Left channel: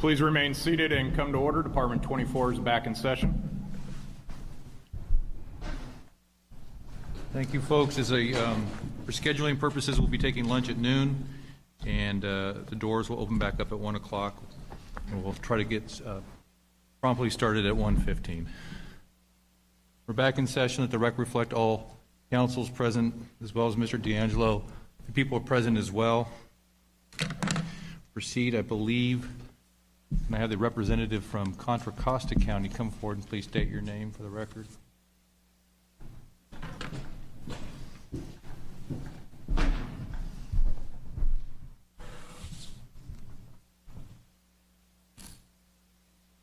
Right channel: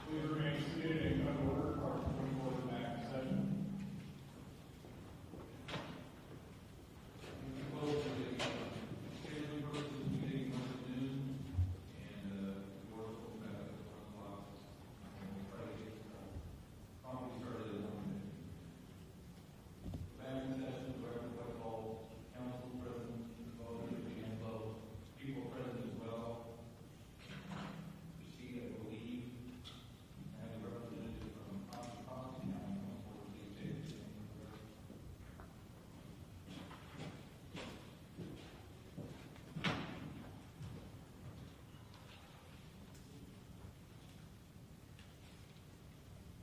Please remain seated and come to order. Department 24 is back in session. Thank you, folks. For scheduling purposes, we'll be taking lunch at noon, and the doors will open back up at 1 o'clock. And we'll try to get promptly started at 1:15. We're back in session. Let the record reflect all councils present, as well as Mr. DeAngelo. The people are present as well. Proceed, I believe. Can I have the representative from Contra Costa County come forward and please state your name for the record?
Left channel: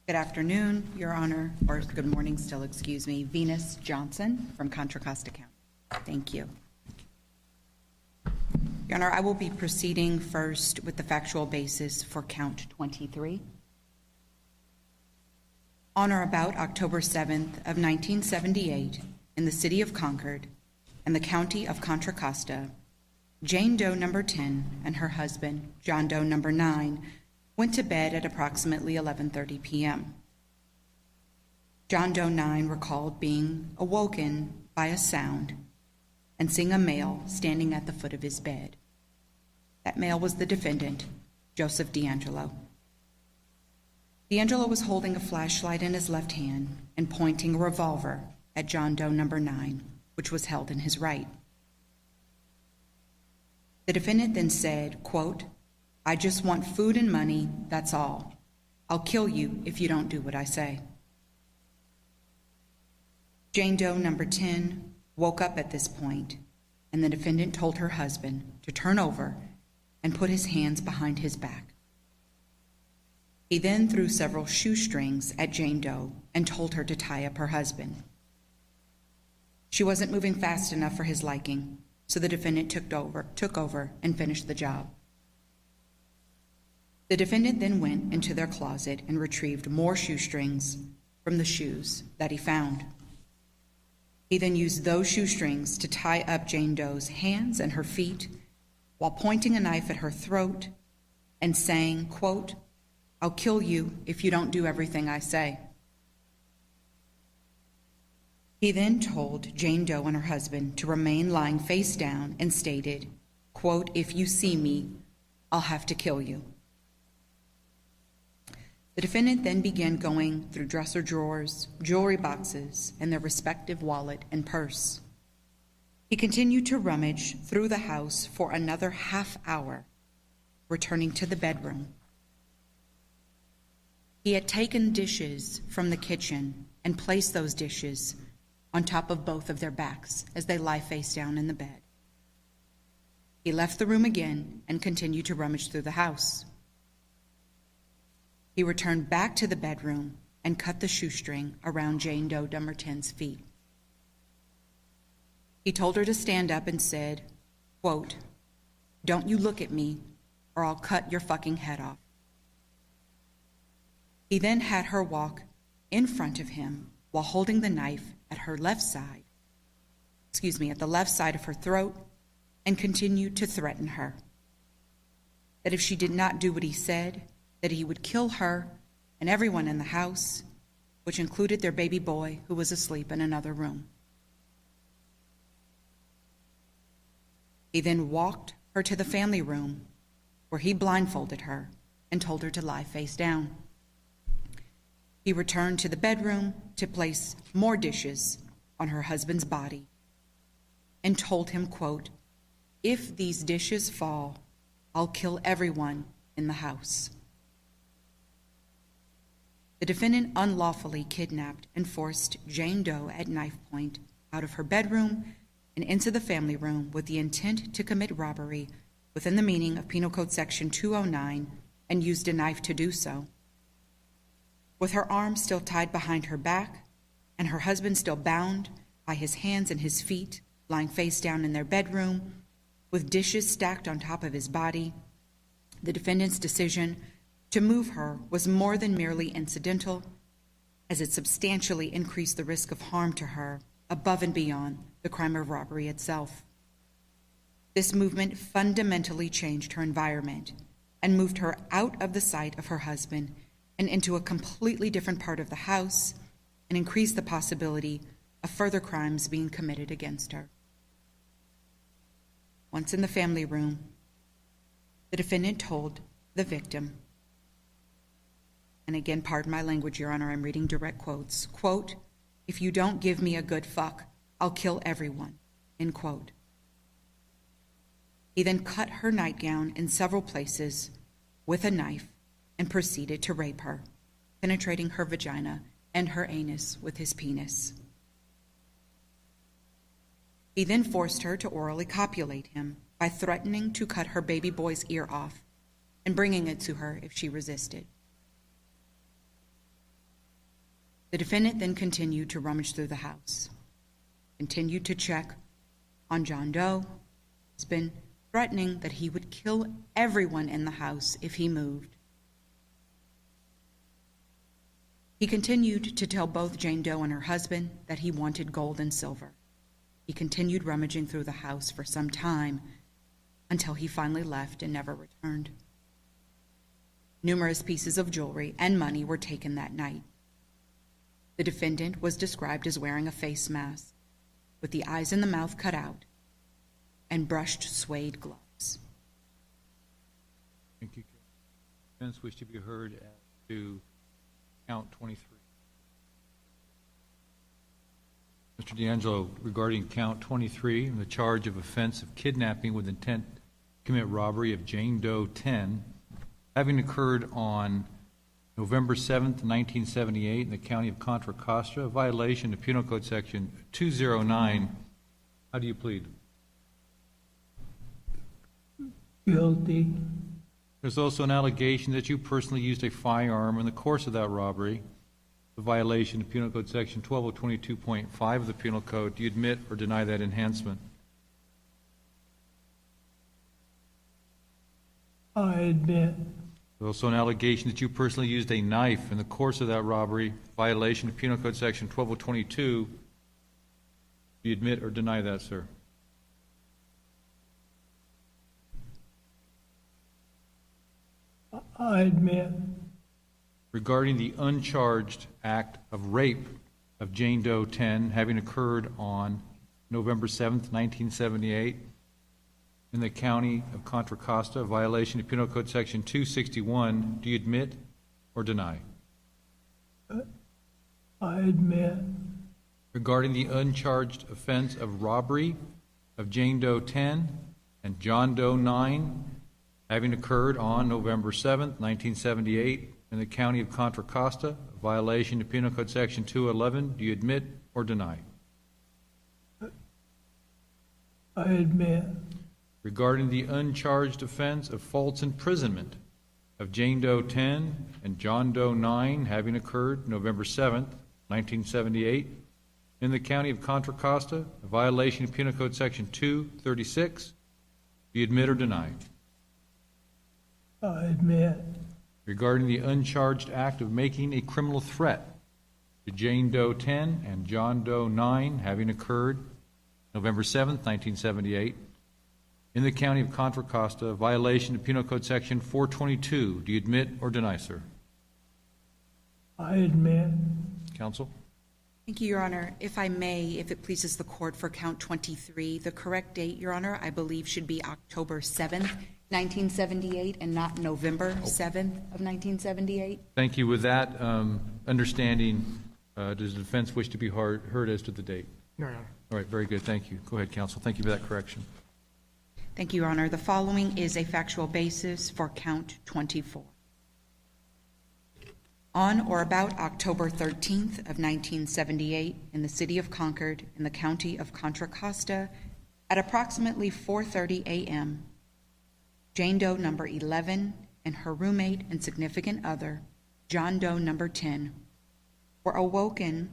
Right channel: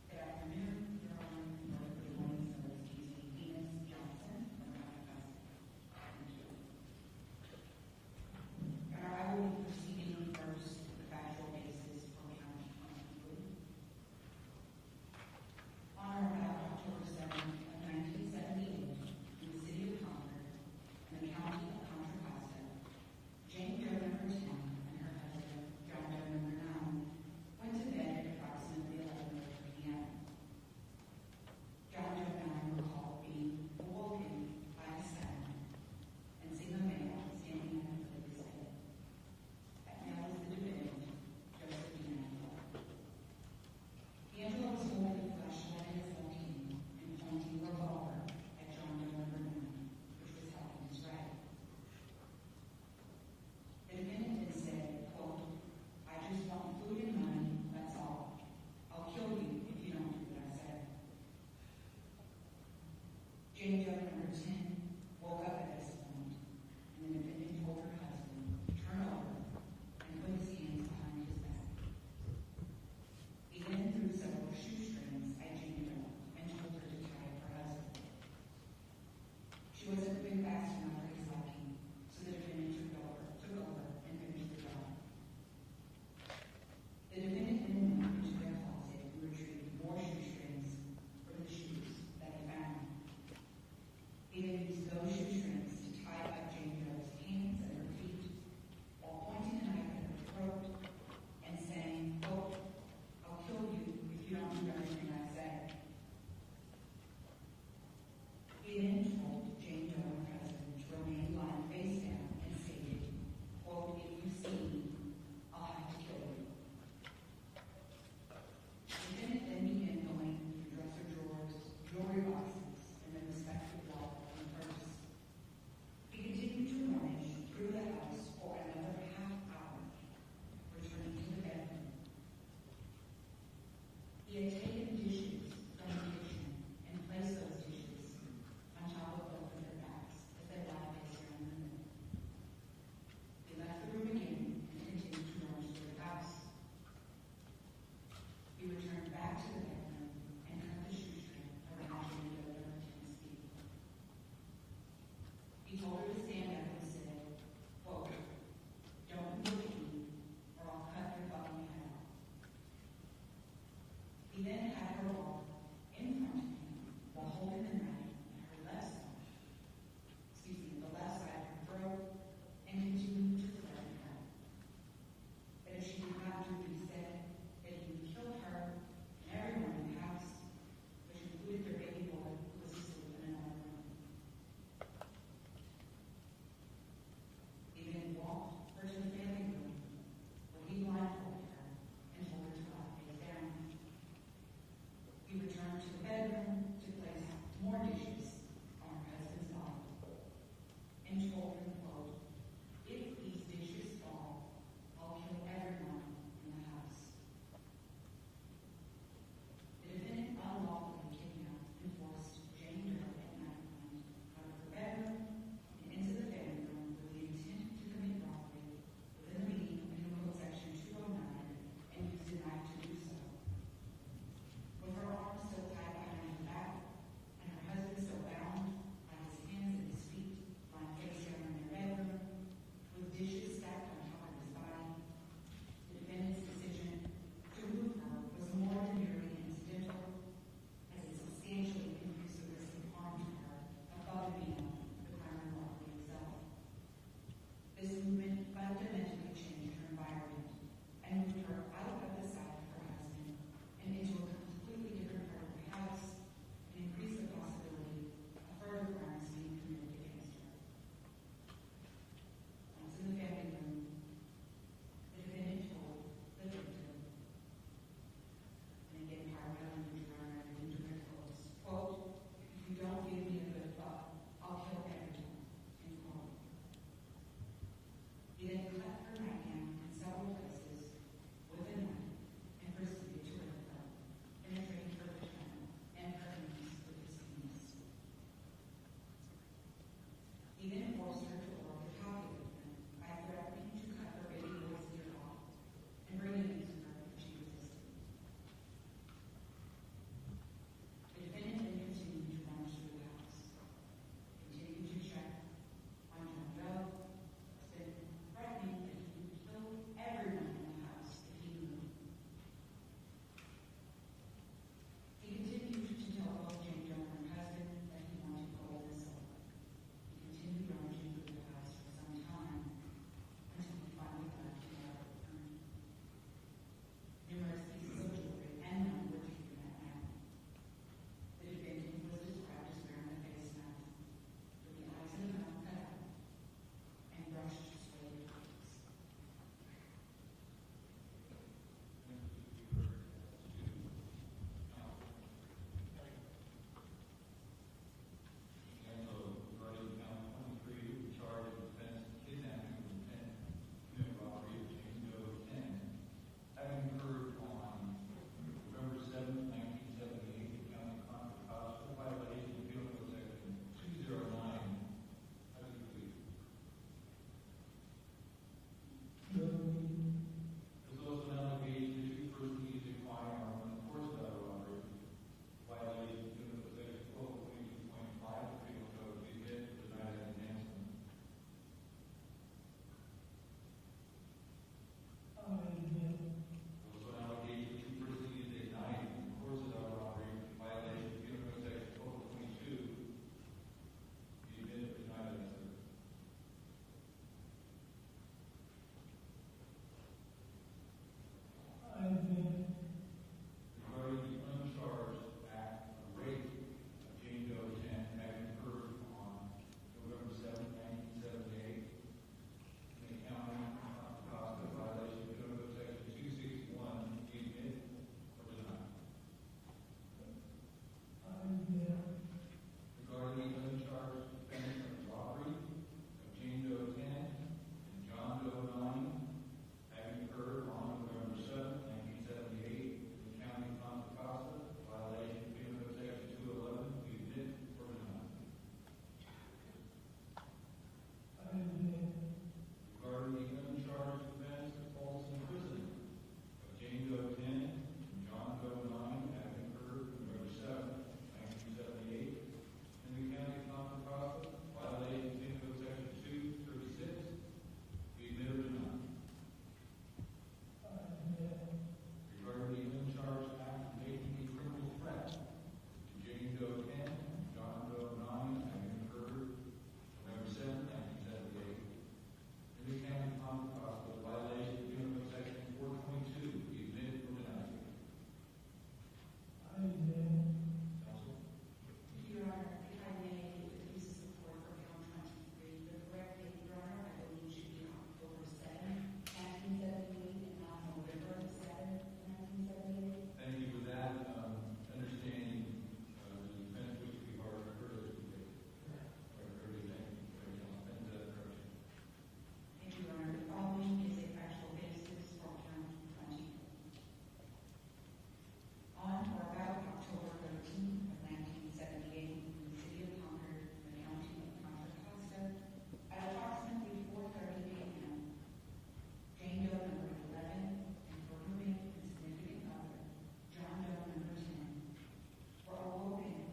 Good afternoon, Your Honor, or good morning still, excuse me. Venus Johnson from Contra Costa County. Thank you. Your Honor, I will be proceeding first with the factual basis for count 23. On or about October 7th of 1978, in the city of Concord and the county of Contra Costa, Jane Doe number 10 and her husband, John Doe number 9, went to bed at approximately 11:30 p.m. John Doe 9 recalled being awoken by a sound and seeing a male standing at the foot of his bed. That male was the defendant, Joseph DeAngelo. DeAngelo was holding a flashlight in his left hand and pointing a revolver at John Doe number 9, which was held in his right. The defendant then said, quote, "I just want food and money, that's all. I'll kill you if you don't do what I say." Jane Doe number 10 woke up at this point, and the defendant told her husband to turn over and put his hands behind his back. He then threw several shoestrings at Jane Doe and told her to tie up her husband. She wasn't moving fast enough for his liking, so the defendant took over and finished the job. The defendant then went into their closet and retrieved more shoestrings from the shoes that he found. He then used those shoestrings to tie up Jane Doe's hands and her feet while pointing a knife at her throat and saying, quote, "I'll kill you if you don't do everything I say." He then told Jane Doe and her husband to remain lying face down and stated, quote, "If you see me, I'll have to kill you." The defendant then began going through dresser drawers, jewelry boxes, and their respective wallet and purse. He continued to rummage through the house for another half hour, returning to the bedroom. He had taken dishes from the kitchen and placed those dishes on top of both of their backs as they lie face down in the bed. He left the room again and continued to rummage through the house. He returned back to the bedroom and cut the shoestring around Jane Doe number 10's feet. He told her to stand up and said, quote, "Don't you look at me or I'll cut your fucking head off." He then had her walk in front of him while holding the knife at her left side, at the left side of her throat, and continued to threaten her that if she did not do what he said, that he would kill her and everyone in the house, which included their baby boy who was asleep in another room. He then walked her to the family room where he blindfolded her and told her to lie face down. He returned to the bedroom to place more dishes on her husband's body and told him, quote, "If these dishes fall, I'll kill everyone in the house." The defendant unlawfully kidnapped and forced Jane Doe at knife point out of her bedroom and into the family room with the intent to commit robbery within the meaning of Penal Code Section 209 and used a knife to do so. With her arms still tied behind her back and her husband still bound by his hands and his feet, lying face down in their bedroom with dishes stacked on top of his body, the defendant's decision to move her was more than merely incidental, as it substantially increased the risk of harm to her above and beyond the crime of robbery itself. This movement fundamentally changed her environment and moved her out of the sight of her husband and into a completely different part of the house and increased the possibility of further crimes being committed against her. Once in the family room, the defendant told the victim, and again, pardon my language, Your Honor, I'm reading direct quotes, quote, "If you don't give me a good fuck, I'll kill everyone," end quote. He then cut her nightgown in several places with a knife and proceeded to rape her, penetrating her vagina and her anus with his penis. He then forced her to orally copulate him by threatening to cut her baby boy's ear off and bringing it to her if she resisted. The defendant then continued to rummage through the house, continued to check on John Doe, husband, threatening that he would kill everyone in the house if he moved. He continued to tell both Jane Doe and her husband that he wanted gold and silver. He continued rummaging through the house for some time until he finally left and never returned. Numerous pieces of jewelry and money were taken that night. The defendant was described as wearing a face mask with the eyes and the mouth cut out and brushed suede gloves. Thank you. Defense wish to be heard to count 23. Mr. DeAngelo, regarding count 23, the charge of offense of kidnapping with intent to commit robbery of Jane Doe 10, having occurred on November 7th, 1978 in the county of Contra Costa, a violation of Penal Code Section 209. How do you plead? Guilty. There's also an allegation that you personally used a firearm in the course of that robbery, a violation of Penal Code Section 12022.5 of the Penal Code. Do you admit or deny that enhancement? I admit. There's also an allegation that you personally used a knife in the course of that robbery, violation of Penal Code Section 12022. Do you admit or deny that, sir? I admit. Regarding the uncharged act of rape of Jane Doe 10 having occurred on November 7th, 1978 in the county of Contra Costa, a violation of Penal Code Section 261, do you admit or deny? I admit. Regarding the uncharged offense of robbery of Jane Doe 10 and John Doe 9 having occurred on November 7th, 1978 in the county of Contra Costa, a violation of Penal Code Section 211, do you admit or deny? I admit. Regarding the uncharged offense of false imprisonment of Jane Doe 10 and John Doe 9 having occurred November 7th, 1978 in the county of Contra Costa, a violation of Penal Code Section 236, do you admit or deny? I admit. Regarding the uncharged act of making a criminal threat to Jane Doe 10 and John Doe 9 having occurred November 7th, 1978 in the county of Contra Costa, a violation of Penal Code Section 422. Do you admit or deny, sir? I admit. Counsel? Thank you, Your Honor. If I may, if it pleases the court, for count 23, the correct date, Your Honor, I believe should be October 7th, 1978, and not November 7th of 1978. Thank you. With that understanding, does the defense wish to be heard as to the date? No, Your Honor. All right, very good. Thank you. Go ahead, counsel. Thank you for that correction. Thank you, Your Honor. The following is a factual basis for count 24. On or about October 13th of 1978, in the city of Concord, in the county of Contra Costa, at approximately 4:30 a.m., Jane Doe number 11 and her roommate and significant other, John Doe number 10, were awoken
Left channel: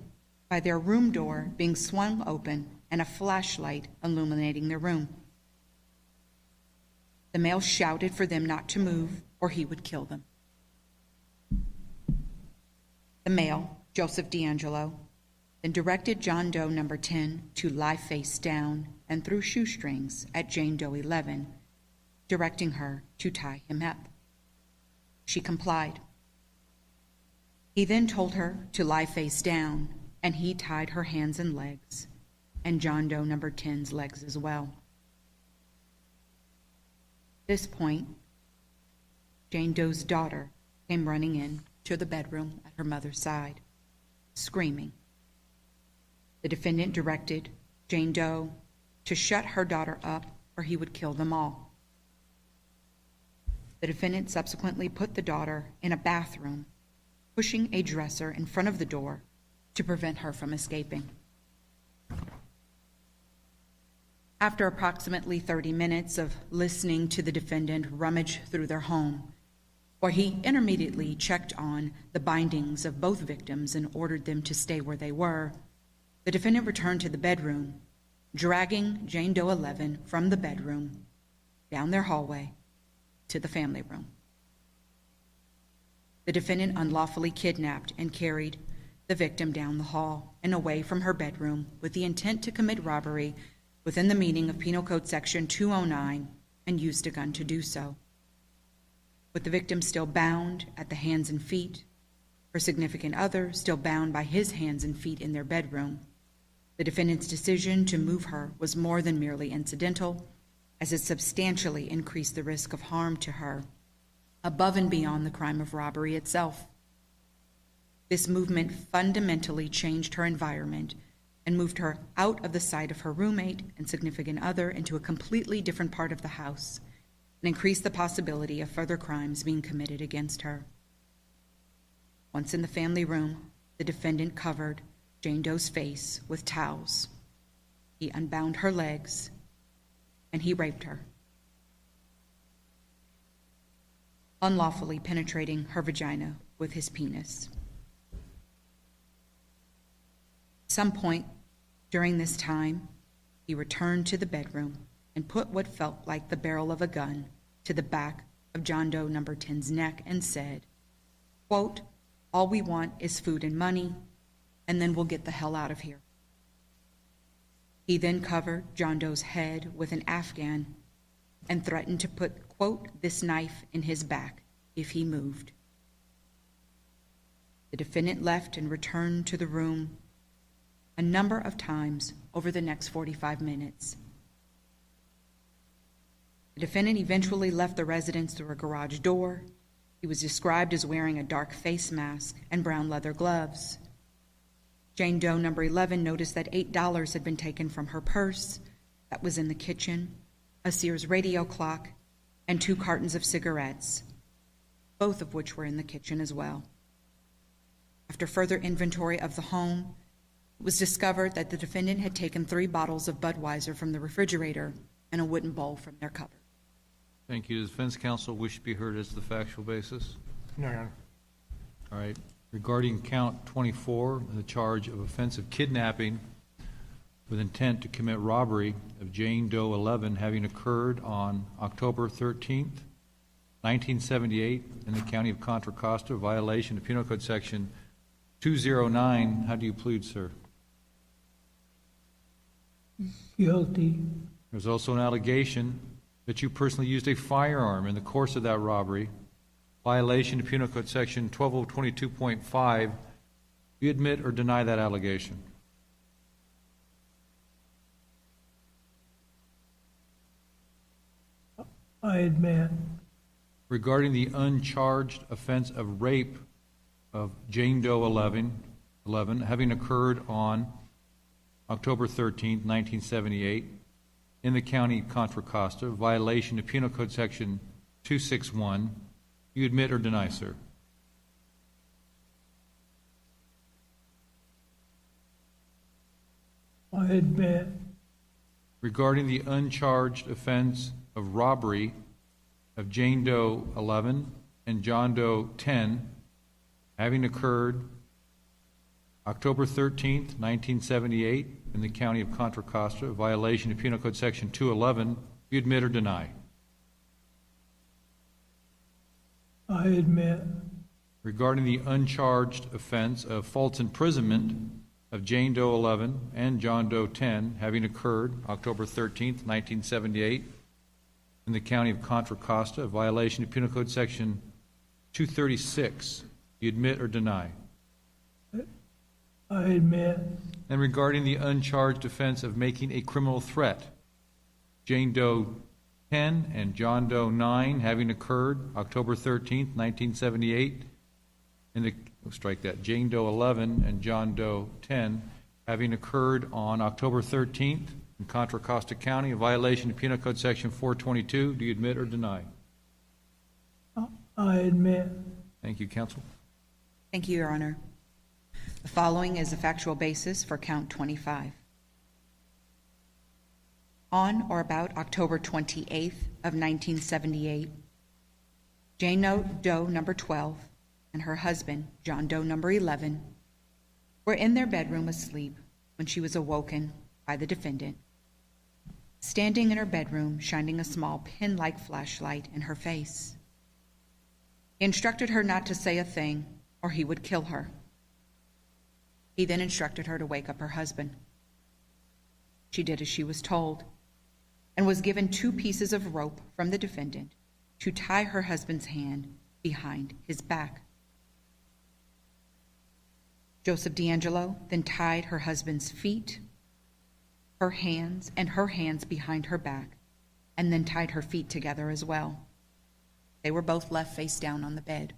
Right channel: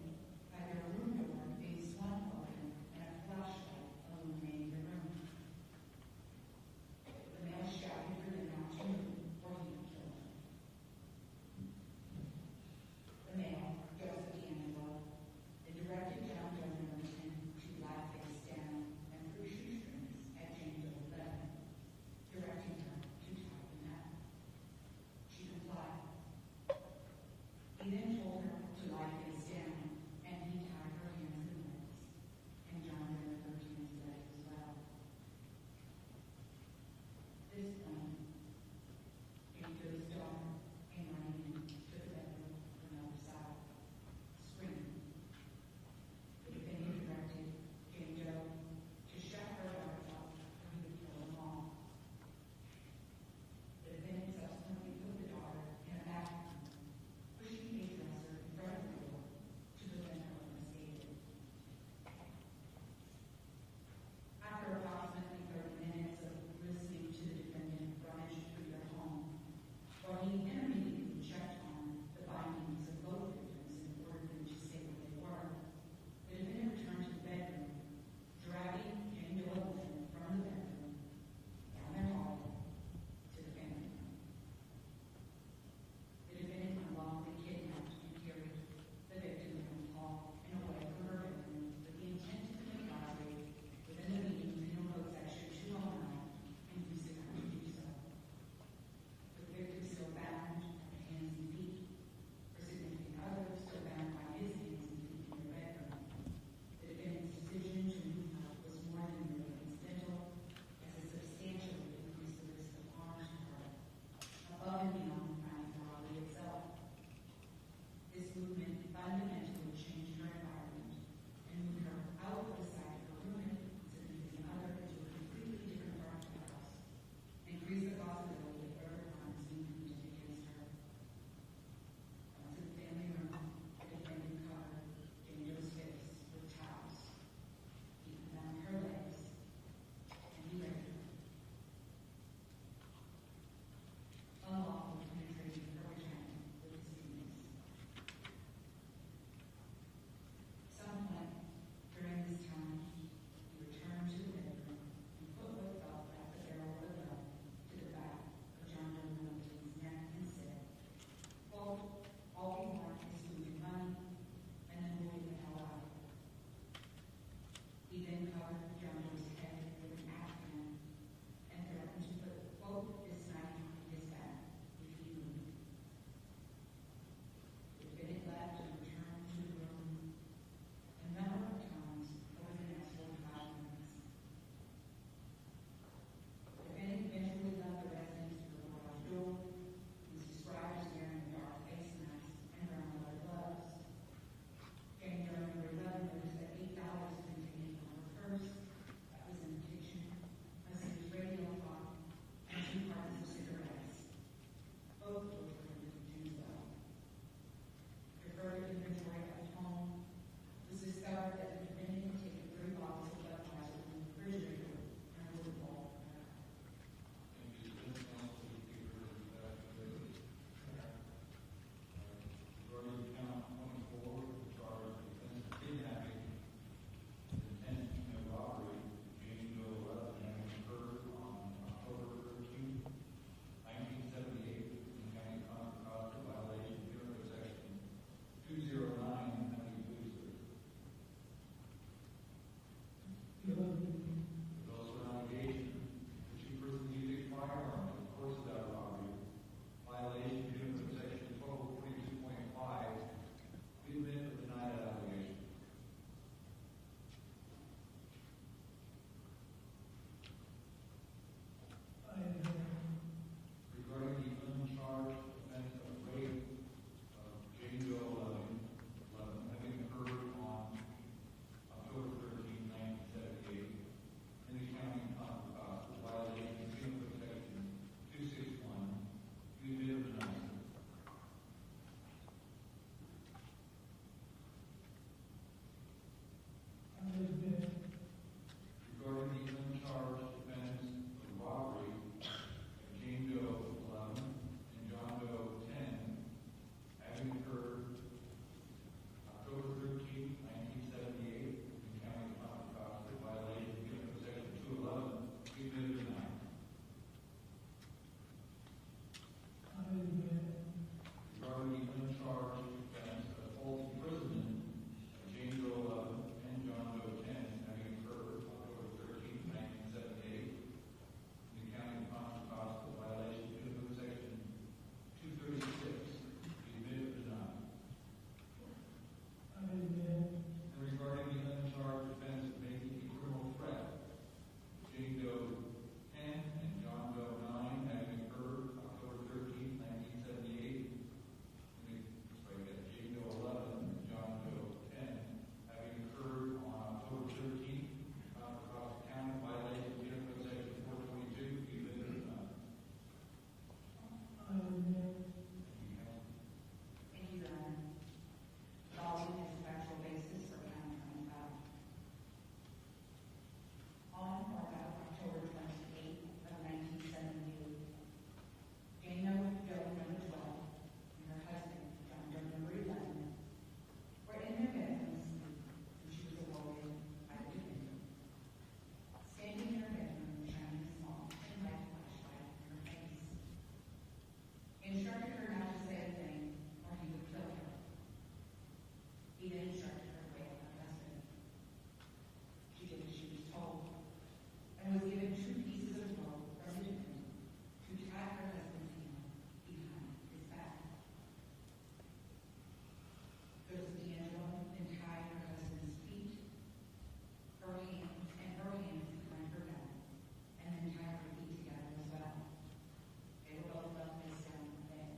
by their room door being swung open and a flashlight illuminating their room. The male shouted for them not to move or he would kill them. The male, Joseph DeAngelo, then directed John Doe number 10 to lie face down and threw shoestrings at Jane Doe 11, directing her to tie him up. She complied. He then told her to lie face down, and he tied her hands and legs, and John Doe number 10's legs as well. At this point, Jane Doe's daughter came running in to the bedroom at her mother's side, screaming. The defendant directed Jane Doe to shut her daughter up or he would kill them all. The defendant subsequently put the daughter in a bathroom, pushing a dresser in front of the door to prevent her from escaping. After approximately 30 minutes of listening to the defendant rummage through their home, where he intermediately checked on the bindings of both victims and ordered them to stay where they were, the defendant returned to the bedroom, dragging Jane Doe 11 from the bedroom down their hallway to the family room. The defendant unlawfully kidnapped and carried the victim down the hall and away from her bedroom with the intent to commit robbery within the meaning of Penal Code Section 209 and used a gun to do so. With the victim still bound at the hands and feet, her significant other still bound by his hands and feet in their bedroom, the defendant's decision to move her was more than merely incidental, as it substantially increased the risk of harm to her, above and beyond the crime of robbery itself. This movement fundamentally changed her environment and moved her out of the sight of her roommate and significant other into a completely different part of the house, and increased the possibility of further crimes being committed against her. Once in the family room, the defendant covered Jane Doe's face with towels. He unbound her legs, and he raped her, unlawfully penetrating her vagina with his penis. At some point during this time, he returned to the bedroom and put what felt like the barrel of a gun to the back of John Doe number 10's neck and said, quote, "All we want is food and money, and then we'll get the hell out of here." He then covered John Doe's head with an Afghan and threatened to put, quote, "this knife in his back if he moved." The defendant left and returned to the room a number of times over the next 45 minutes. The defendant eventually left the residence through a garage door. He was described as wearing a dark face mask and brown leather gloves. Jane Doe number 11 noticed that $8 had been taken from her purse that was in the kitchen, a Sears radio clock, and 2 cartons of cigarettes, both of which were in the kitchen as well. After further inventory of the home, it was discovered that the defendant had taken 3 bottles of Budweiser from the refrigerator and a wooden bowl from their cupboard. Thank you. Does defense counsel wish to be heard as to the factual basis? No, Your Honor. All right. Regarding count 24, the charge of offensive kidnapping with intent to commit robbery of Jane Doe 11 having occurred on October 13th, 1978 in the county of Contra Costa, violation of Penal Code Section 209. How do you plead, sir? Guilty. There's also an allegation that you personally used a firearm in the course of that robbery, violation of Penal Code Section 12022.5. Do you admit or deny that allegation? I admit. Regarding the uncharged offense of rape of Jane Doe 11 having occurred on October 13th, 1978 in the county of Contra Costa, violation of Penal Code Section 261, you admit or deny, sir? I admit. Regarding the uncharged offense of robbery of Jane Doe 11 and John Doe 10 having occurred October 13th, 1978 in the county of Contra Costa, violation of Penal Code Section 211, do you admit or deny? I admit. Regarding the uncharged offense of false imprisonment of Jane Doe 11 and John Doe 10 having occurred October 13th, 1978 in the county of Contra Costa, violation of Penal Code Section 236, do you admit or deny? I admit. And regarding the uncharged offense of making a criminal threat, Jane Doe 10 and John Doe 9 having occurred October 13th, 1978, and strike that, Jane Doe 11 and John Doe 10 having occurred on October 13th in Contra Costa County, a violation of Penal Code Section 422. Do you admit or deny? I admit. Thank you, counsel. Thank you, Your Honor. The following is a factual basis for count 25. On or about October 28th of 1978, Jane Doe number 12 and her husband, John Doe number 11, were in their bedroom asleep when she was awoken by the defendant, standing in her bedroom shining a small pin-like flashlight in her face. He instructed her not to say a thing or he would kill her. He then instructed her to wake up her husband. She did as she was told and was given 2 pieces of rope from the defendant to tie her husband's hand behind his back. Joseph DeAngelo then tied her husband's feet, her hands behind her back, and then tied her feet together as well. They were both left face down on the bed.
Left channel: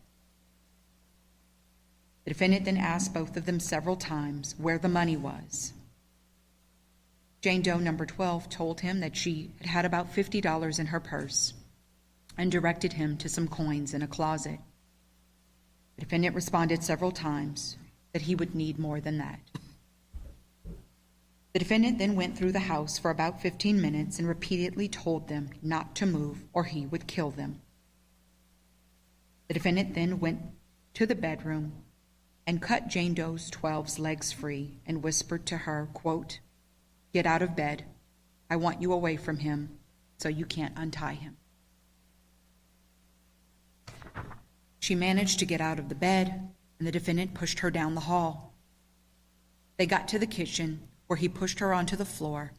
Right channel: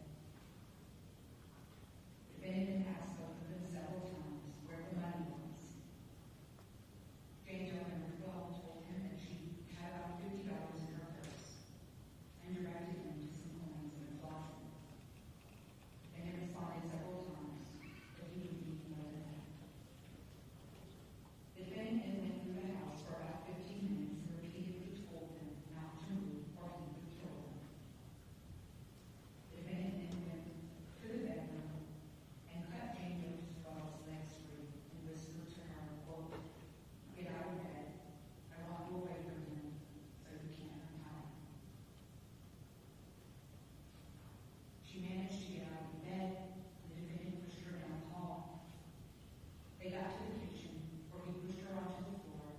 The defendant then asked both of them several times where the money was. Jane Doe number 12 told him that she had about $50 in her purse and directed him to some coins in a closet. The defendant responded several times that he would need more than that. The defendant then went through the house for about 15 minutes and repeatedly told them not to move or he would kill them. The defendant then went to the bedroom and cut Jane Doe 12's legs free and whispered to her, quote, "Get out of bed. I want you away from him so you can't untie him." She managed to get out of the bed, and the defendant pushed her down the hall. They got to the kitchen, where he pushed her onto the floor,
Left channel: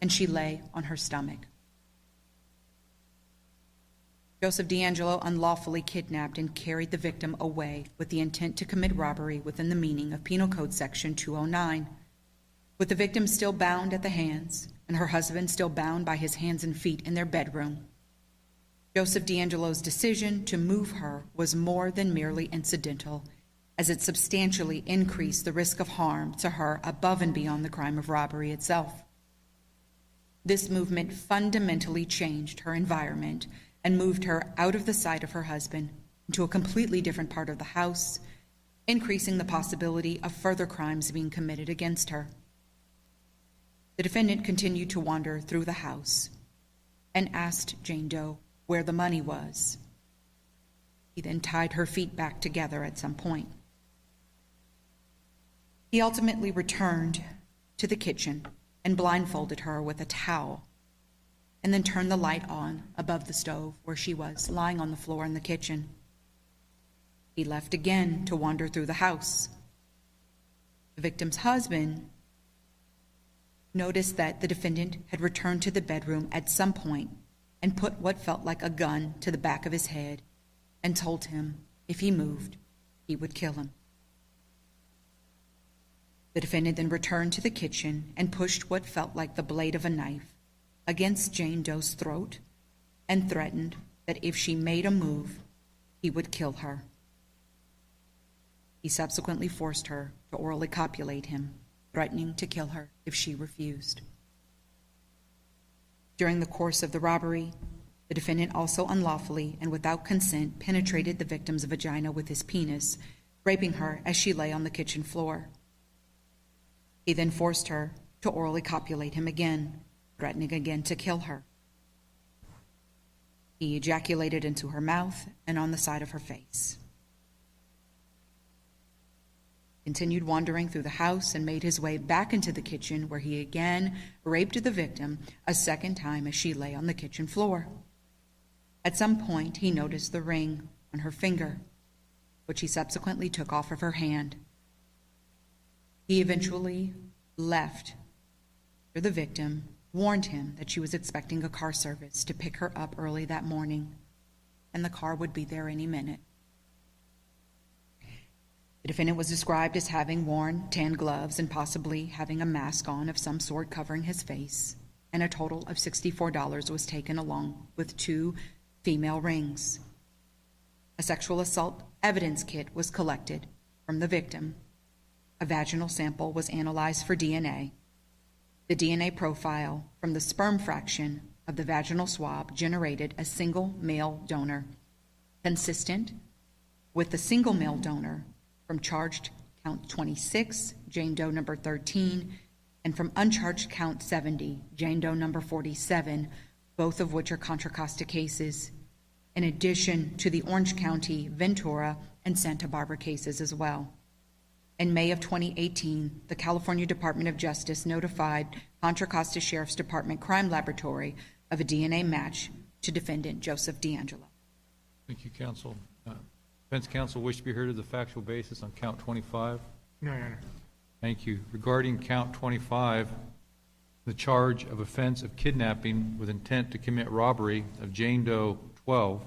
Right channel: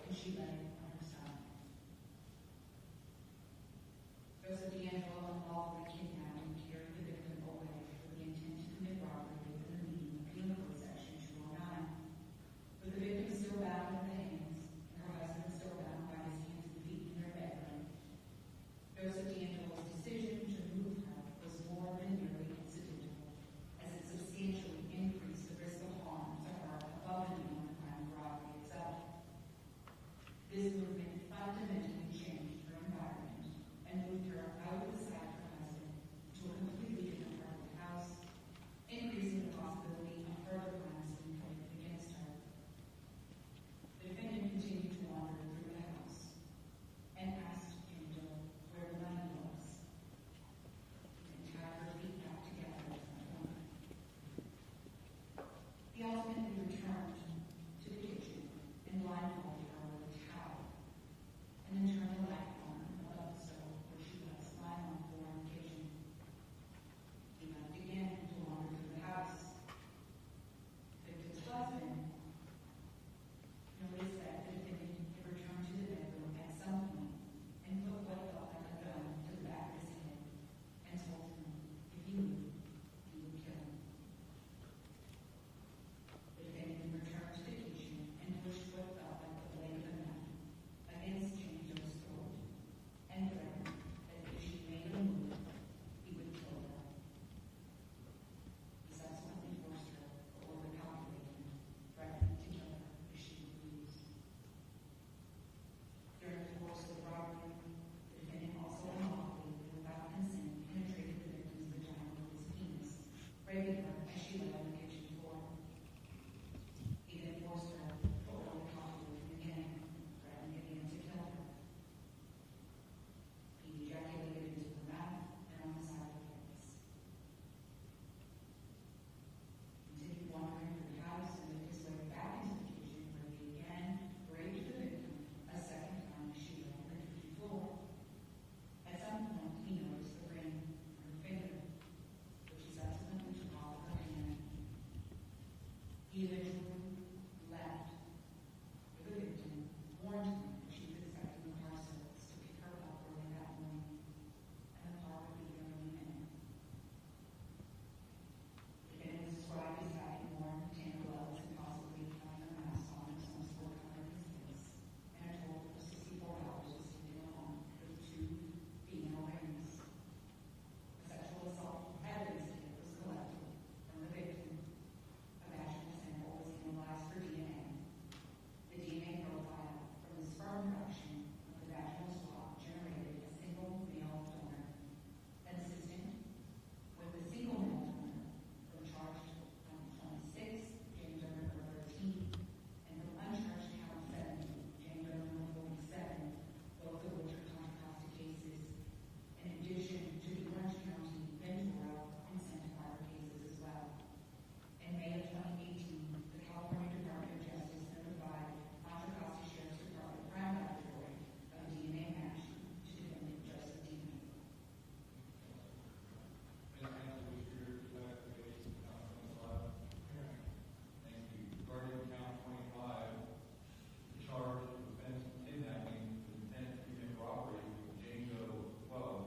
and she lay on her stomach. Joseph DeAngelo unlawfully kidnapped and carried the victim away with the intent to commit robbery within the meaning of Penal Code Section 209, with the victim still bound at the hands and her husband still bound by his hands and feet in their bedroom. Joseph DeAngelo's decision to move her was more than merely incidental, as it substantially increased the risk of harm to her above and beyond the crime of robbery itself. This movement fundamentally changed her environment and moved her out of the sight of her husband into a completely different part of the house, increasing the possibility of further crimes being committed against her. The defendant continued to wander through the house and asked Jane Doe where the money was. He then tied her feet back together at some point. He ultimately returned to the kitchen and blindfolded her with a towel, and then turned the light on above the stove where she was lying on the floor in the kitchen. He left again to wander through the house. The victim's husband noticed that the defendant had returned to the bedroom at some point and put what felt like a gun to the back of his head and told him if he moved, he would kill him. The defendant then returned to the kitchen and pushed what felt like the blade of a knife against Jane Doe's throat and threatened that if she made a move, he would kill her. He subsequently forced her to orally copulate him, threatening to kill her if she refused. During the course of the robbery, the defendant also unlawfully and without consent penetrated the victim's vagina with his penis, raping her as she lay on the kitchen floor. He then forced her to orally copulate him again, threatening again to kill her. He ejaculated into her mouth and on the side of her face. Continued wandering through the house and made his way back into the kitchen, where he again raped the victim a second time as she lay on the kitchen floor. At some point, he noticed the ring on her finger, which he subsequently took off of her hand. He eventually left, where the victim warned him that she was expecting a car service to pick her up early that morning, and the car would be there any minute. The defendant was described as having worn tan gloves and possibly having a mask on of some sort covering his face, and a total of $64 was taken along with 2 female rings. A sexual assault evidence kit was collected from the victim. A vaginal sample was analyzed for DNA. The DNA profile from the sperm fraction of the vaginal swab generated a single male donor, consistent with the single male donor from charged count 26, Jane Doe number 13, and from uncharged count 70, Jane Doe number 47, both of which are Contra Costa cases, in addition to the Orange County, Ventura, and Santa Barbara cases as well. In May of 2018, the California Department of Justice notified Contra Costa Sheriff's Department Crime Laboratory of a DNA match to defendant Joseph DeAngelo. Thank you, counsel. Defense counsel wish to be heard of the factual basis on count 25? No, Your Honor. Thank you. Regarding count 25, the charge of offense of kidnapping with intent to commit robbery of Jane Doe 12,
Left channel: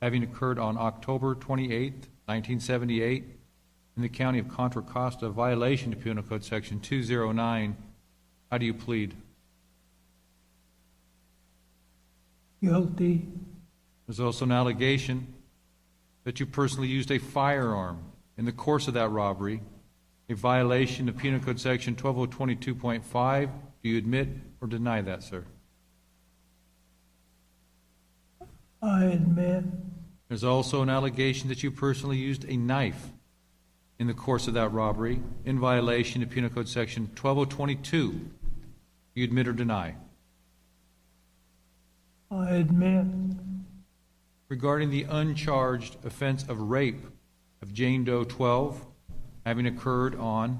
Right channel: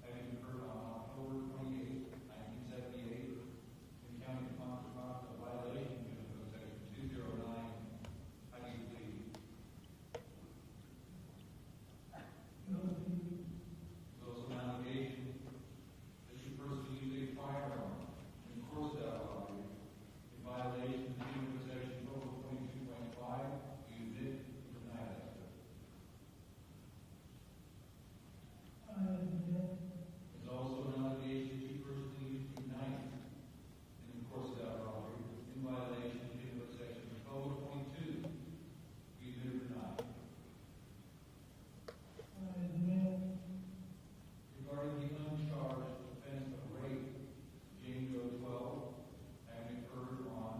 having occurred on October 28, 1978, in the county of Contra Costa, violation to Penal Code Section 209. How do you plead? Guilty. There's also an allegation that you personally used a firearm in the course of that robbery, a violation of Penal Code Section 12022.5. Do you admit or deny that, sir? I admit. There's also an allegation that you personally used a knife in the course of that robbery in violation of Penal Code Section 12022. Do you admit or deny? I admit. Regarding the uncharged offense of rape of Jane Doe 12, having occurred on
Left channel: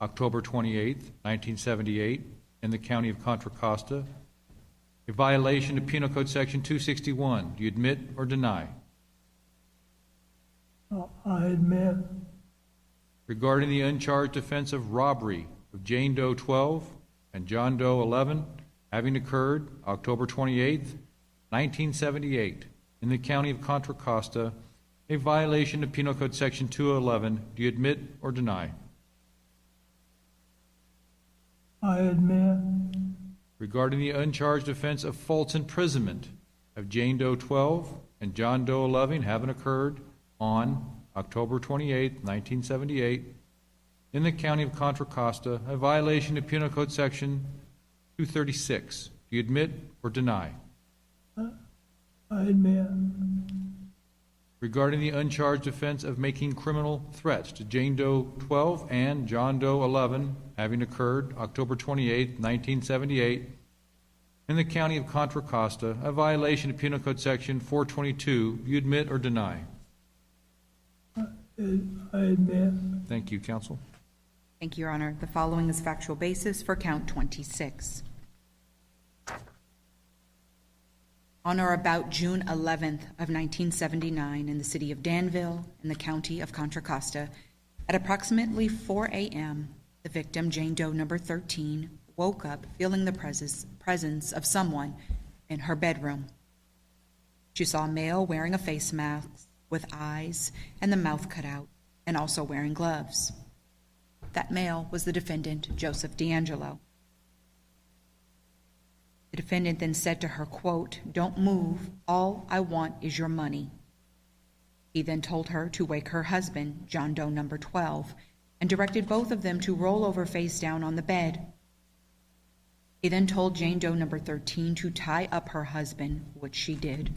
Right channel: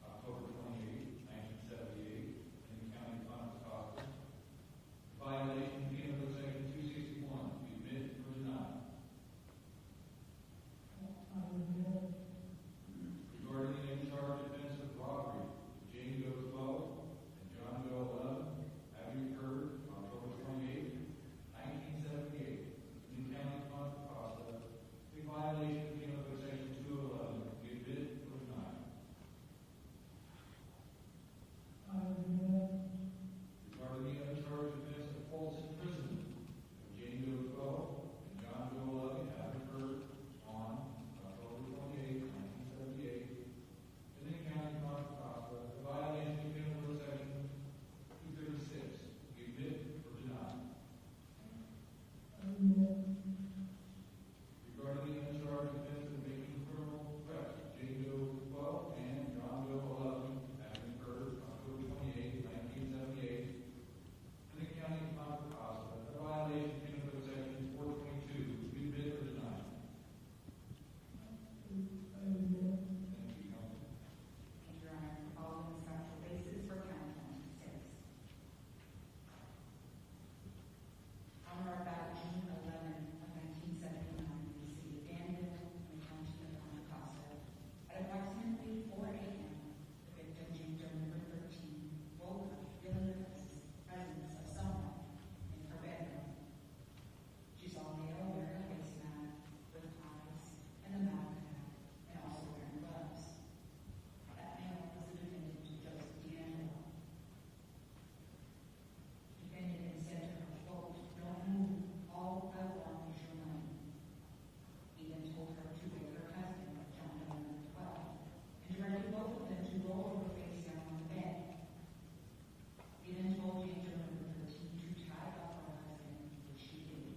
October 28, 1978, in the county of Contra Costa, a violation of Penal Code Section 261. Do you admit or deny? I admit. Regarding the uncharged offense of robbery of Jane Doe 12 and John Doe 11, having occurred October 28, 1978, in the county of Contra Costa, a violation of Penal Code Section 211. Do you admit or deny? I admit. Regarding the uncharged offense of false imprisonment of Jane Doe 12 and John Doe 11, having occurred on October 28, 1978, in the county of Contra Costa, a violation of Penal Code Section 236. Do you admit or deny? I admit. Regarding the uncharged offense of making criminal threats to Jane Doe 12 and John Doe 11, having occurred October 28, 1978, in the county of Contra Costa, a violation of Penal Code Section 422. Do you admit or deny? I admit. Thank you, counsel. Thank you, Your Honor. The following is factual basis for count 26. On or about June 11th of 1979, in the city of Danville, in the county of Contra Costa, at approximately 4 a.m., the victim, Jane Doe number 13, woke up feeling the presence of someone in her bedroom. She saw a male wearing a face mask with eyes and the mouth cut out, and also wearing gloves. That male was the defendant, Joseph DeAngelo. The defendant then said to her, quote, "Don't move, all I want is your money." He then told her to wake her husband, John Doe number 12, and directed both of them to roll over face down on the bed. He then told Jane Doe number 13 to tie up her husband, which she did.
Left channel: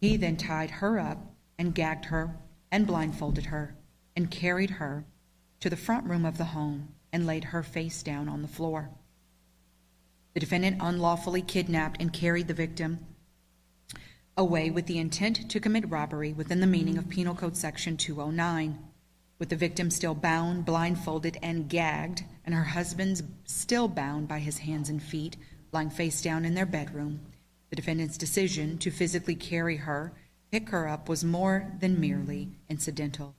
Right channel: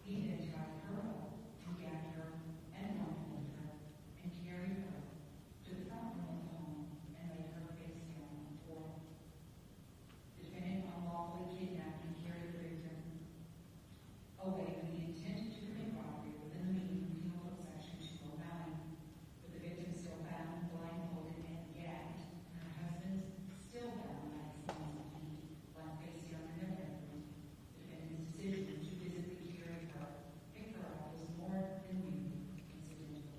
He then tied her up and gagged her and blindfolded her and carried her to the front room of the home and laid her face down on the floor. The defendant unlawfully kidnapped and carried the victim away with the intent to commit robbery within the meaning of Penal Code Section 209, with the victim still bound, blindfolded, and gagged, and her husband still bound by his hands and feet, lying face down in their bedroom. The defendant's decision to physically carry her, pick her up, was more than merely incidental,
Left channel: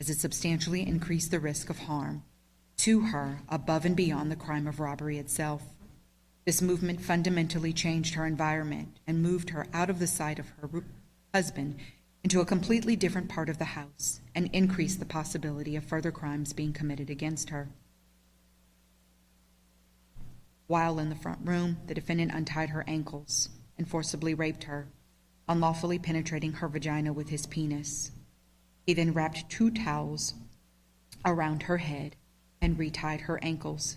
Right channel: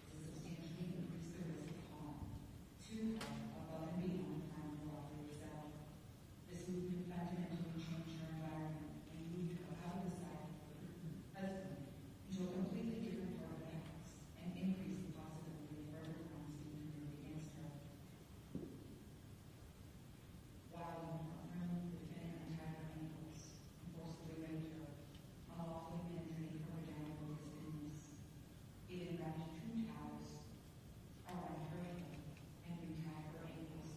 as it substantially increased the risk of harm to her above and beyond the crime of robbery itself. This movement fundamentally changed her environment and moved her out of the sight of her husband into a completely different part of the house and increased the possibility of further crimes being committed against her. While in the front room, the defendant untied her ankles and forcibly raped her, unlawfully penetrating her vagina with his penis. He then wrapped 2 towels around her head and retied her ankles.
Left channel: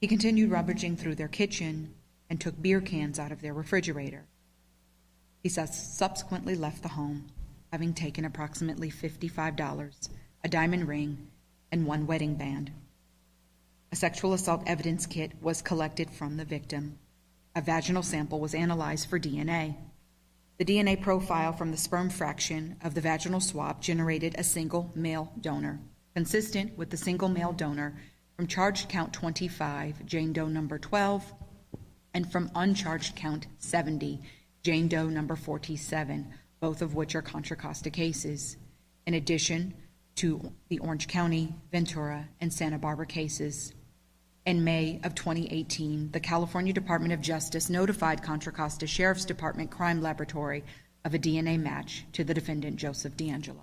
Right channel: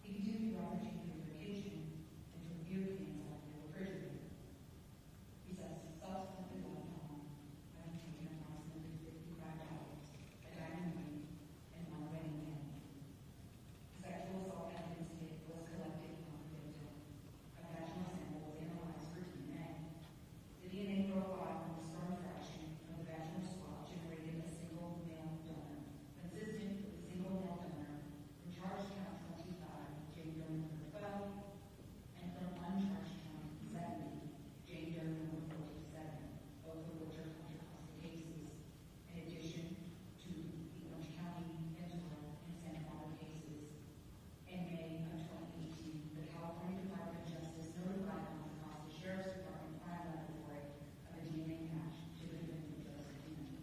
He continued rummaging through their kitchen and took beer cans out of their refrigerator. He subsequently left the home, having taken approximately $55, a diamond ring, and 1 wedding band. A sexual assault evidence kit was collected from the victim. A vaginal sample was analyzed for DNA. The DNA profile from the sperm fraction of the vaginal swab generated a single male donor, consistent with the single male donor from charged count 25, Jane Doe number 12, and from uncharged count 70, Jane Doe number 47, both of which are Contra Costa cases, in addition to the Orange County, Ventura, and Santa Barbara cases. In May of 2018, the California Department of Justice notified Contra Costa Sheriff's Department Crime Laboratory of a DNA match to the defendant, Joseph DeAngelo.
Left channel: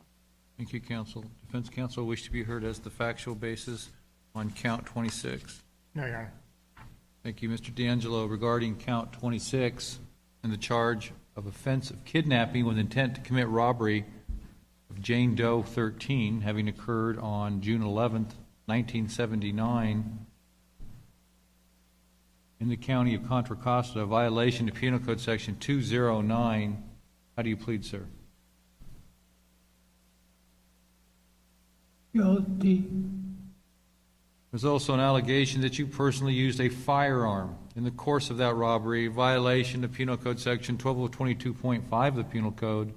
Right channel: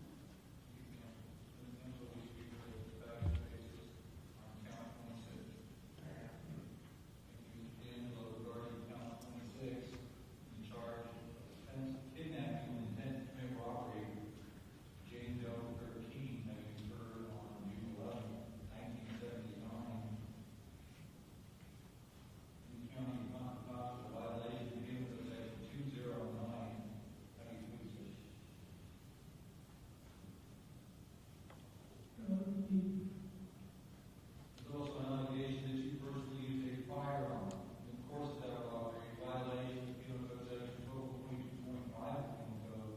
Thank you, counsel. Defense counsel wish to be heard as the factual basis on count 26. No, Your Honor. Thank you, Mr. DeAngelo. Regarding count 26 and the charge of offense of kidnapping with intent to commit robbery of Jane Doe 13, having occurred on June 11th, 1979, in the county of Contra Costa, a violation of Penal Code Section 209. How do you plead, sir? Guilty. There's also an allegation that you personally used a firearm in the course of that robbery, violation of Penal Code Section 1222.5 of the Penal Code.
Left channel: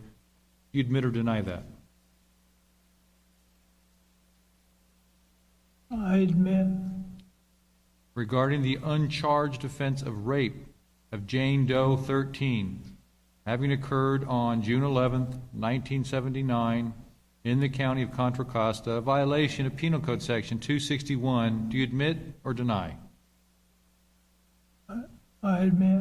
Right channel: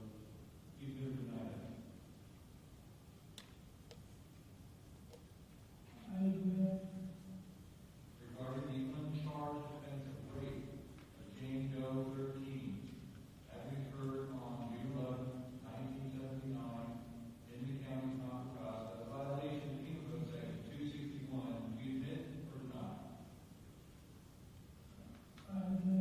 You admit or deny that? I admit. Regarding the uncharged offense of rape of Jane Doe 13, having occurred on June 11th, 1979, in the county of Contra Costa, a violation of Penal Code Section 261, do you admit or deny? I admit.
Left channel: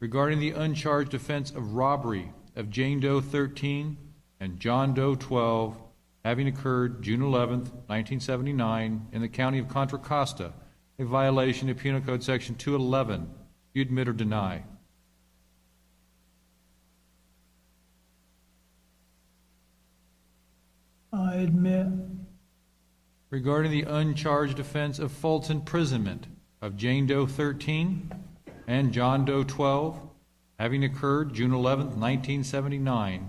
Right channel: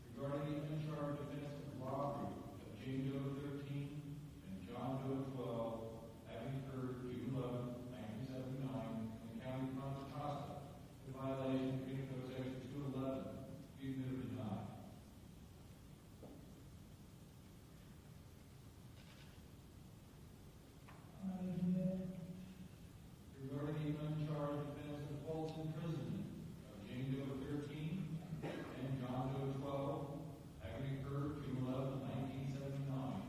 Regarding the uncharged offense of robbery of Jane Doe 13 and John Doe 12, having occurred June 11th, 1979, in the county of Contra Costa, a violation of Penal Code Section 211, do you admit or deny? I admit. Regarding the uncharged offense of false imprisonment of Jane Doe 13 and John Doe 12, having occurred June 11th, 1979,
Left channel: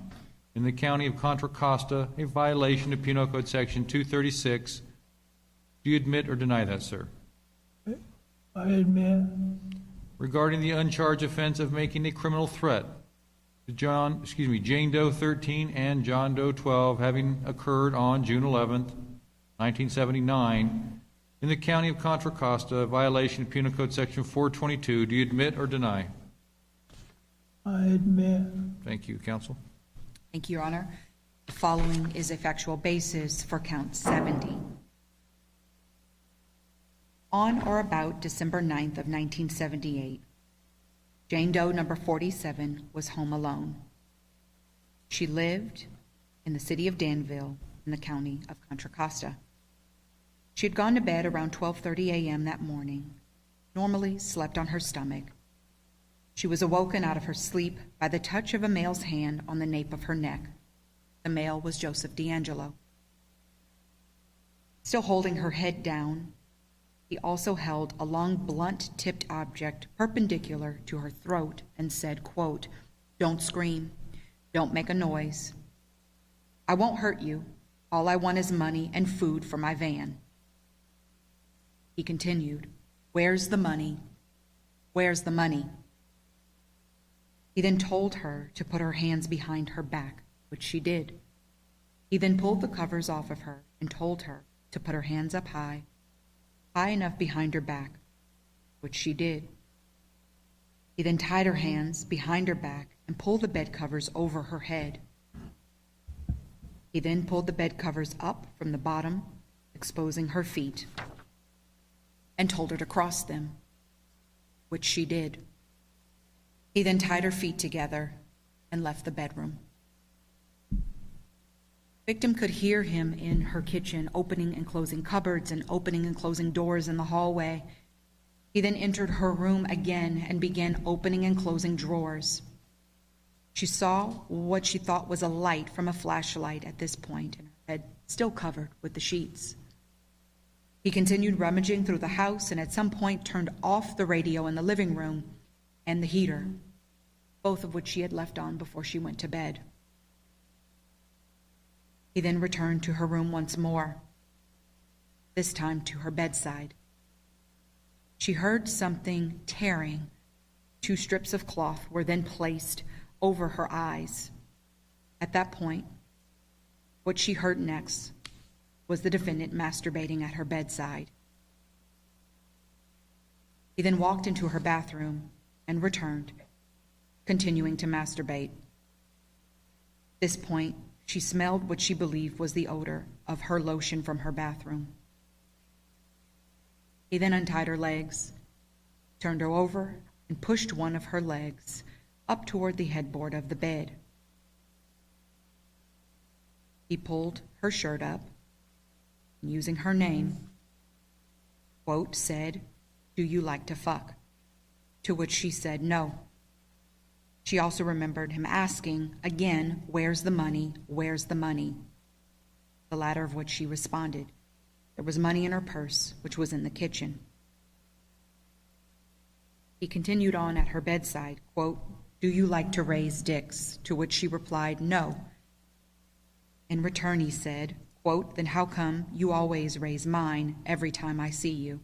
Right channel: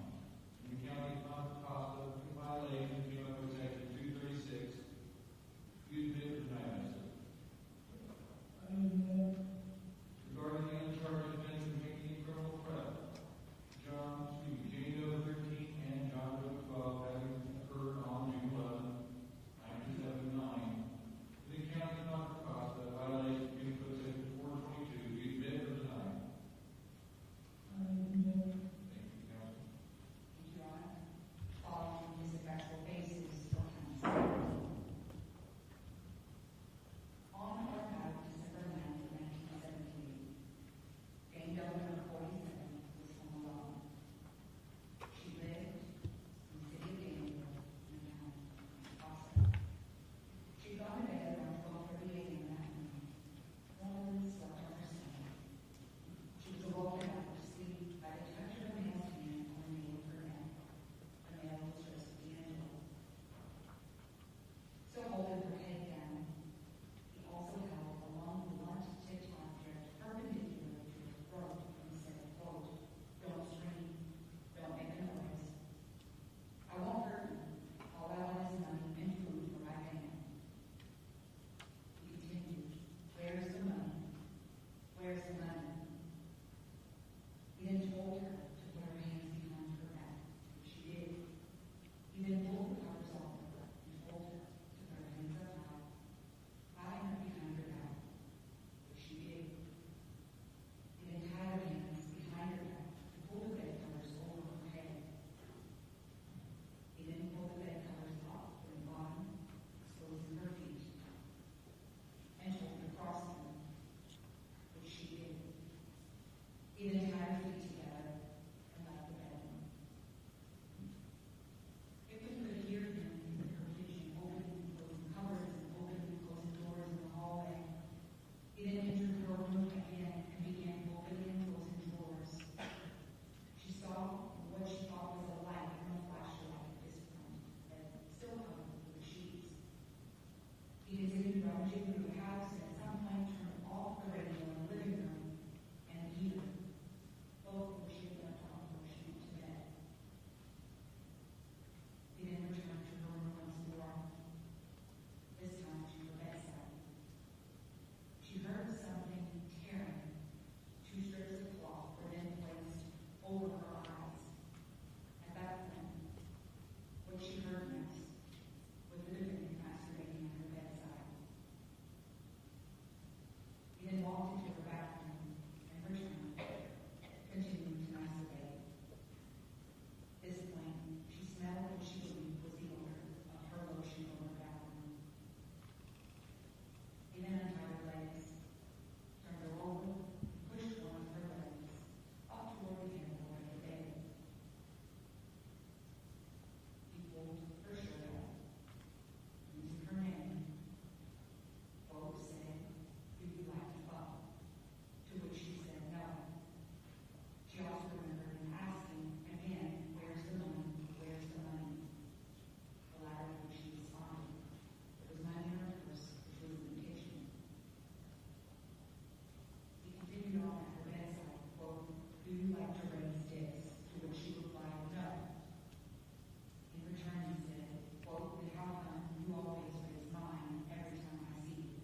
in the county of Contra Costa, a violation of Penal Code Section 236, do you admit or deny that, sir? I admit. Regarding the uncharged offense of making a criminal threat to Jane Doe 13 and John Doe 12, having occurred on June 11th, 1979, in the county of Contra Costa, a violation of Penal Code Section 422, do you admit or deny? I admit. Thank you, counsel. Thank you, Your Honor. The following is a factual basis for count 70. On or about December 9th of 1978, Jane Doe number 47 was home alone. She lived in the city of Danville in the county of Contra Costa. She had gone to bed around 12:30 a.m. that morning, normally slept on her stomach. She was awoken out of her sleep by the touch of a male's hand on the nape of her neck. The male was Joseph DeAngelo. Still holding her head down, he also held a long, blunt-tipped object perpendicular to her throat and said, quote, "Don't scream. Don't make a noise. I won't hurt you. All I want is money and food for my van." He continued, "Where's the money? Where's the money?" He then told her to put her hands behind her back, which she did. He then pulled the covers off of her and told her to put her hands up high enough behind her back, which she did. He then tied her hands behind her back and pulled the bed covers over her head. He then pulled the bed covers up from the bottom, exposing her feet, and told her to cross them, which she did. He then tied her feet together and left the bedroom. Victim could hear him in her kitchen, opening and closing cupboards and opening and closing doors in the hallway. He then entered her room again and began opening and closing drawers. She saw what she thought was a light from a flashlight at this point, head still covered with the sheets. He continued rummaging through the house and at some point turned off the radio in the living room and the heater, both of which she had left on before she went to bed. He then returned to her room once more, this time to her bedside. She heard something tearing. 2 strips of cloth were then placed over her eyes. At that point, what she heard next was the defendant masturbating at her bedside. He then walked into her bathroom and returned, continuing to masturbate. At this point, she smelled what she believed was the odor of her lotion from her bathroom. He then untied her legs, turned her over, and pushed one of her legs up toward the headboard of the bed. He pulled her shirt up, and using her name, quote, said, "Do you like to fuck?" To which she said no. She also remembered him asking, again, "Where's the money? Where's the money?" The latter of which she responded. There was money in her purse, which was in the kitchen. He continued on at her bedside, quote, "Do you like to raise dicks?" To which she replied, "No." In return, he said, quote, "Then how come you always raise mine every time I see you?"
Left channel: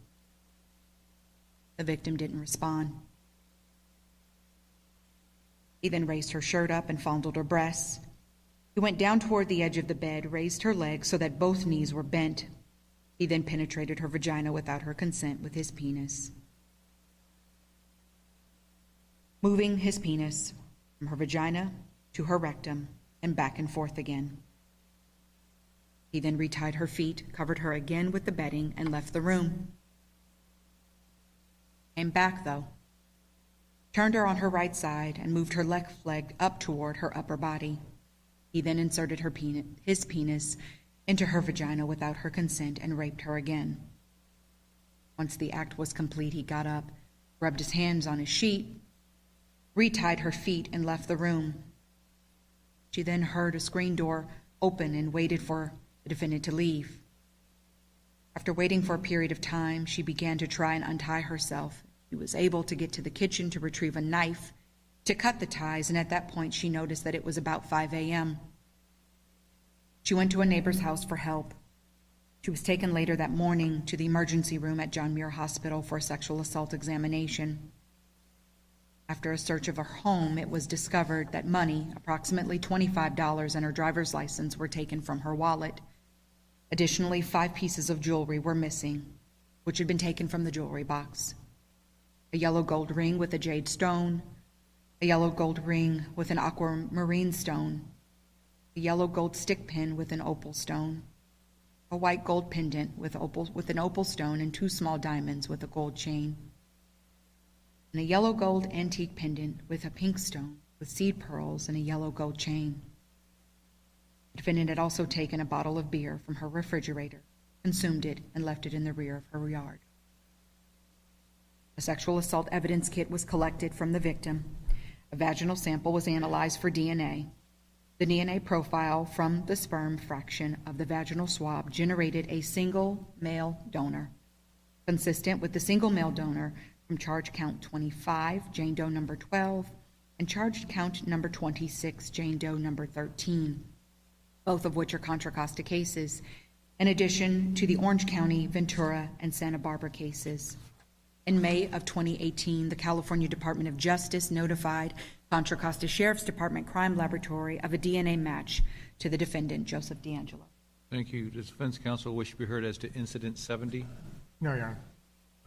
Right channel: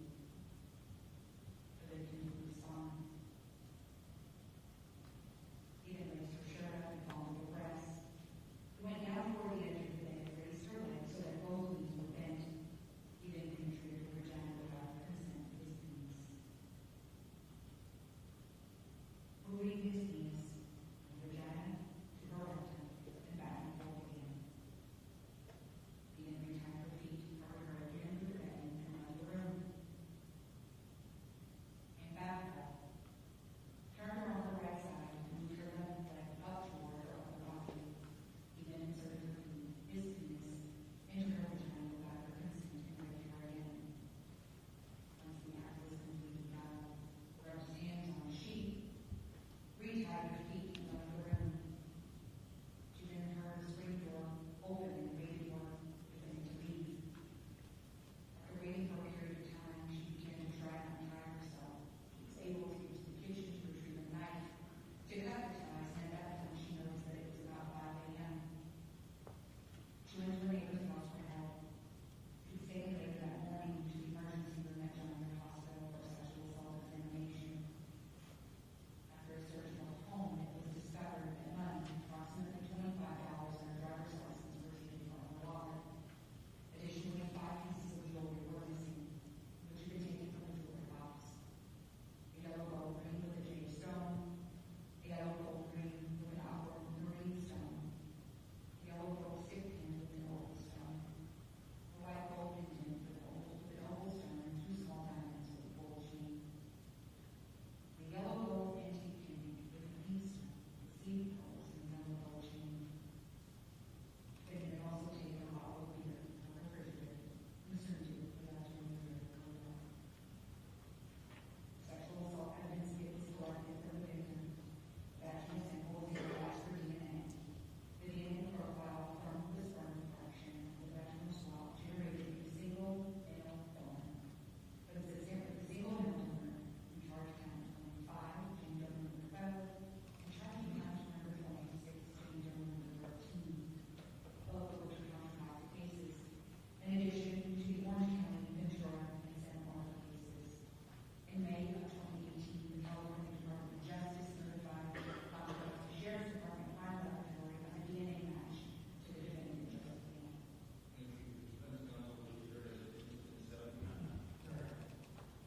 The victim didn't respond. He then raised her shirt up and fondled her breasts. He went down toward the edge of the bed, raised her legs so that both knees were bent. He then penetrated her vagina without her consent with his penis, moving his penis from her vagina to her rectum and back and forth again. He then retied her feet, covered her again with the bedding, and left the room. Came back, though, turned her on her right side, and moved her left leg up toward her upper body. He then inserted his penis into her vagina without her consent and raped her again. Once the act was complete, he got up, rubbed his hands on his sheet, retied her feet, and left the room. She then heard a screen door open and waited for the defendant to leave. After waiting for a period of time, she began to try and untie herself. She was able to get to the kitchen to retrieve a knife to cut the ties, and at that point she noticed that it was about 5 a.m. She went to a neighbor's house for help. She was taken later that morning to the emergency room at John Muir Hospital for a sexual assault examination. After a search of her home, it was discovered that money, approximately $25, and her driver's license were taken from her wallet. Additionally, 5 pieces of jewelry were missing, which had been taken from the jewelry box. A yellow gold ring with a jade stone, a yellow gold ring with an aquamarine stone, a yellow gold stick pin with an opal stone, a white gold pendant with an opal stone and 2 small diamonds with a gold chain, and a yellow gold antique pendant with a pink stone with seed pearls and a yellow gold chain. The defendant had also taken a bottle of beer from her refrigerator, consumed it, and left it in the rear of her yard. A sexual assault evidence kit was collected from the victim. A vaginal sample was analyzed for DNA. The DNA profile from the sperm fraction of the vaginal swab generated a single male donor, consistent with the single male donor from charge count 25, Jane Doe number 12, and charge count number 26, Jane Doe number 13, both of which are Contra Costa cases, in addition to the Orange County, Ventura, and Santa Barbara cases. In May of 2018, the California Department of Justice notified Contra Costa Sheriff's Department Crime Laboratory of a DNA match to the defendant, Joseph DeAngelo. Thank you. Does defense counsel wish to be heard as to incident 70? No, Your Honor.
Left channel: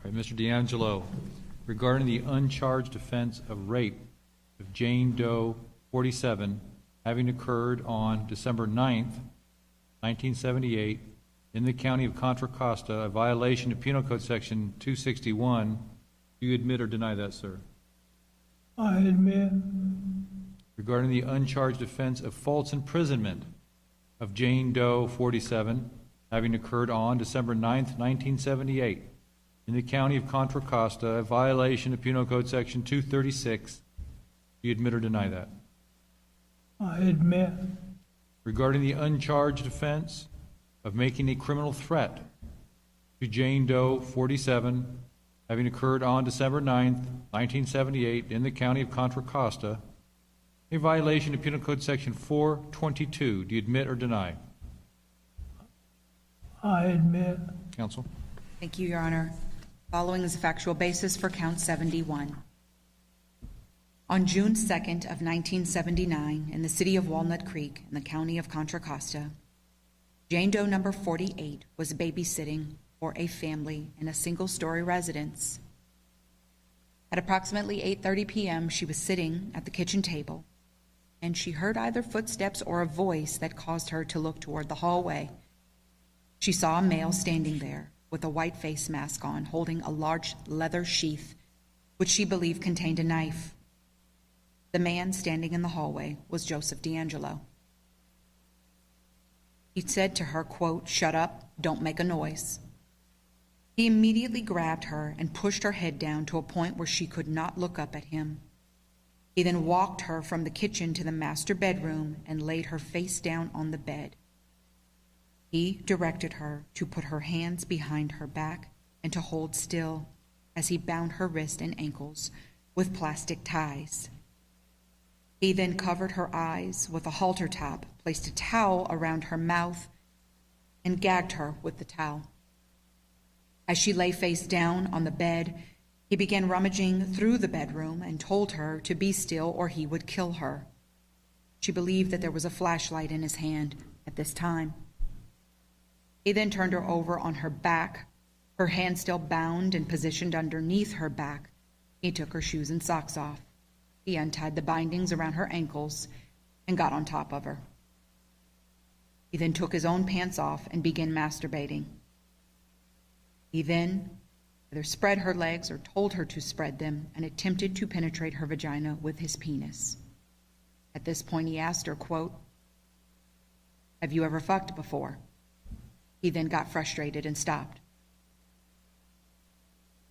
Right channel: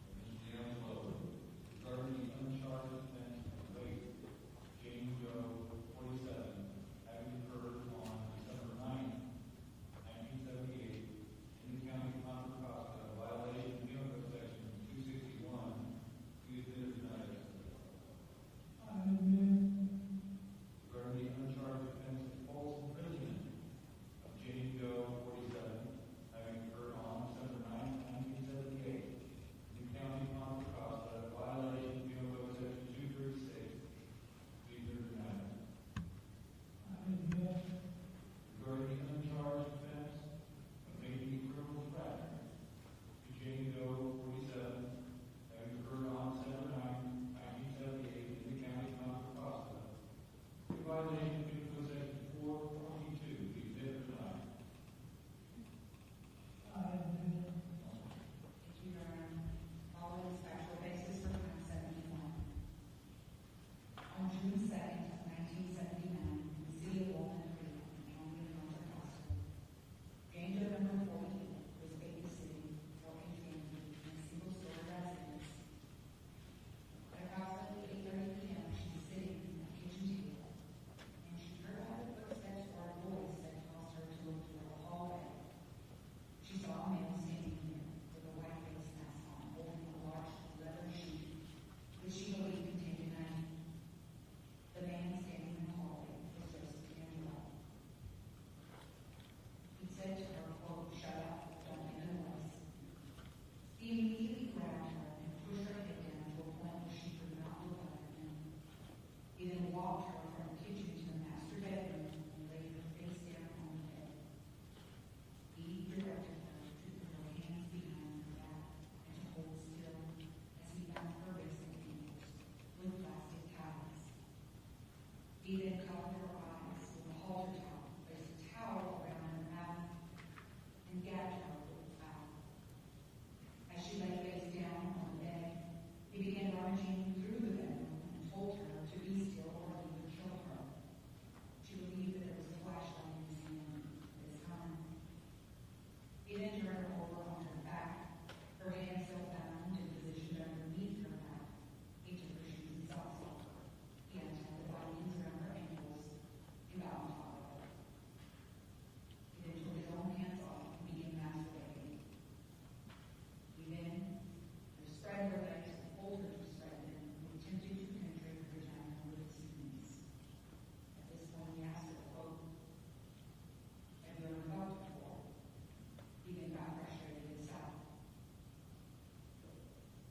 All right, Mr. DeAngelo, regarding the uncharged offense of rape of Jane Doe 47 having occurred on December 9th, 1978, in the county of Contra Costa, a violation of Penal Code Section 261, do you admit or deny that, sir? I admit. regarding the uncharged offense of false imprisonment of Jane Doe, 47, having occurred on December 9th, 1978, in the county of Contra Costa, a violation of Penal Code Section 236. Do you admit or deny that? I admit. Regarding the uncharged offense of making a criminal threat to Jane Doe, 47, having occurred on December 9th, 1978, in the county of Contra Costa, a violation of Penal Code Section 422. Do you admit or deny? I admit. Counsel? Thank you, Your Honor. Following is a factual basis for count 71. On June 2nd of 1979, in the city of Walnut Creek, in the county of Contra Costa, Jane Doe number 48 was babysitting for a family in a single-story residence. At approximately 8:30 p.m., she was sitting at the kitchen table, and she heard either footsteps or a voice that caused her to look toward the hallway. She saw a male standing there with a white face mask on, holding a large leather sheath, which she believed contained a knife. The man standing in the hallway was Joseph DeAngelo. He said to her, quote, "Shut up, don't make a noise." He immediately grabbed her and pushed her head down to a point where she could not look up at him. He then walked her from the kitchen to the master bedroom and laid her face down on the bed. He directed her to put her hands behind her back and to hold still as he bound her wrists and ankles with plastic ties. He then covered her eyes with a halter top, placed a towel around her mouth, and gagged her with the towel. As she lay face down on the bed, he began rummaging through the bedroom and told her to be still or he would kill her. She believed that there was a flashlight in his hand at this time. He then turned her over on her back, her hand still bound and positioned underneath her back. He took her shoes and socks off. He untied the bindings around her ankles and got on top of her. He then took his own pants off and began masturbating. He then either spread her legs or told her to spread them and attempted to penetrate her vagina with his penis. At this point, he asked her, quote, "Have you ever fucked before?" He then got frustrated and stopped.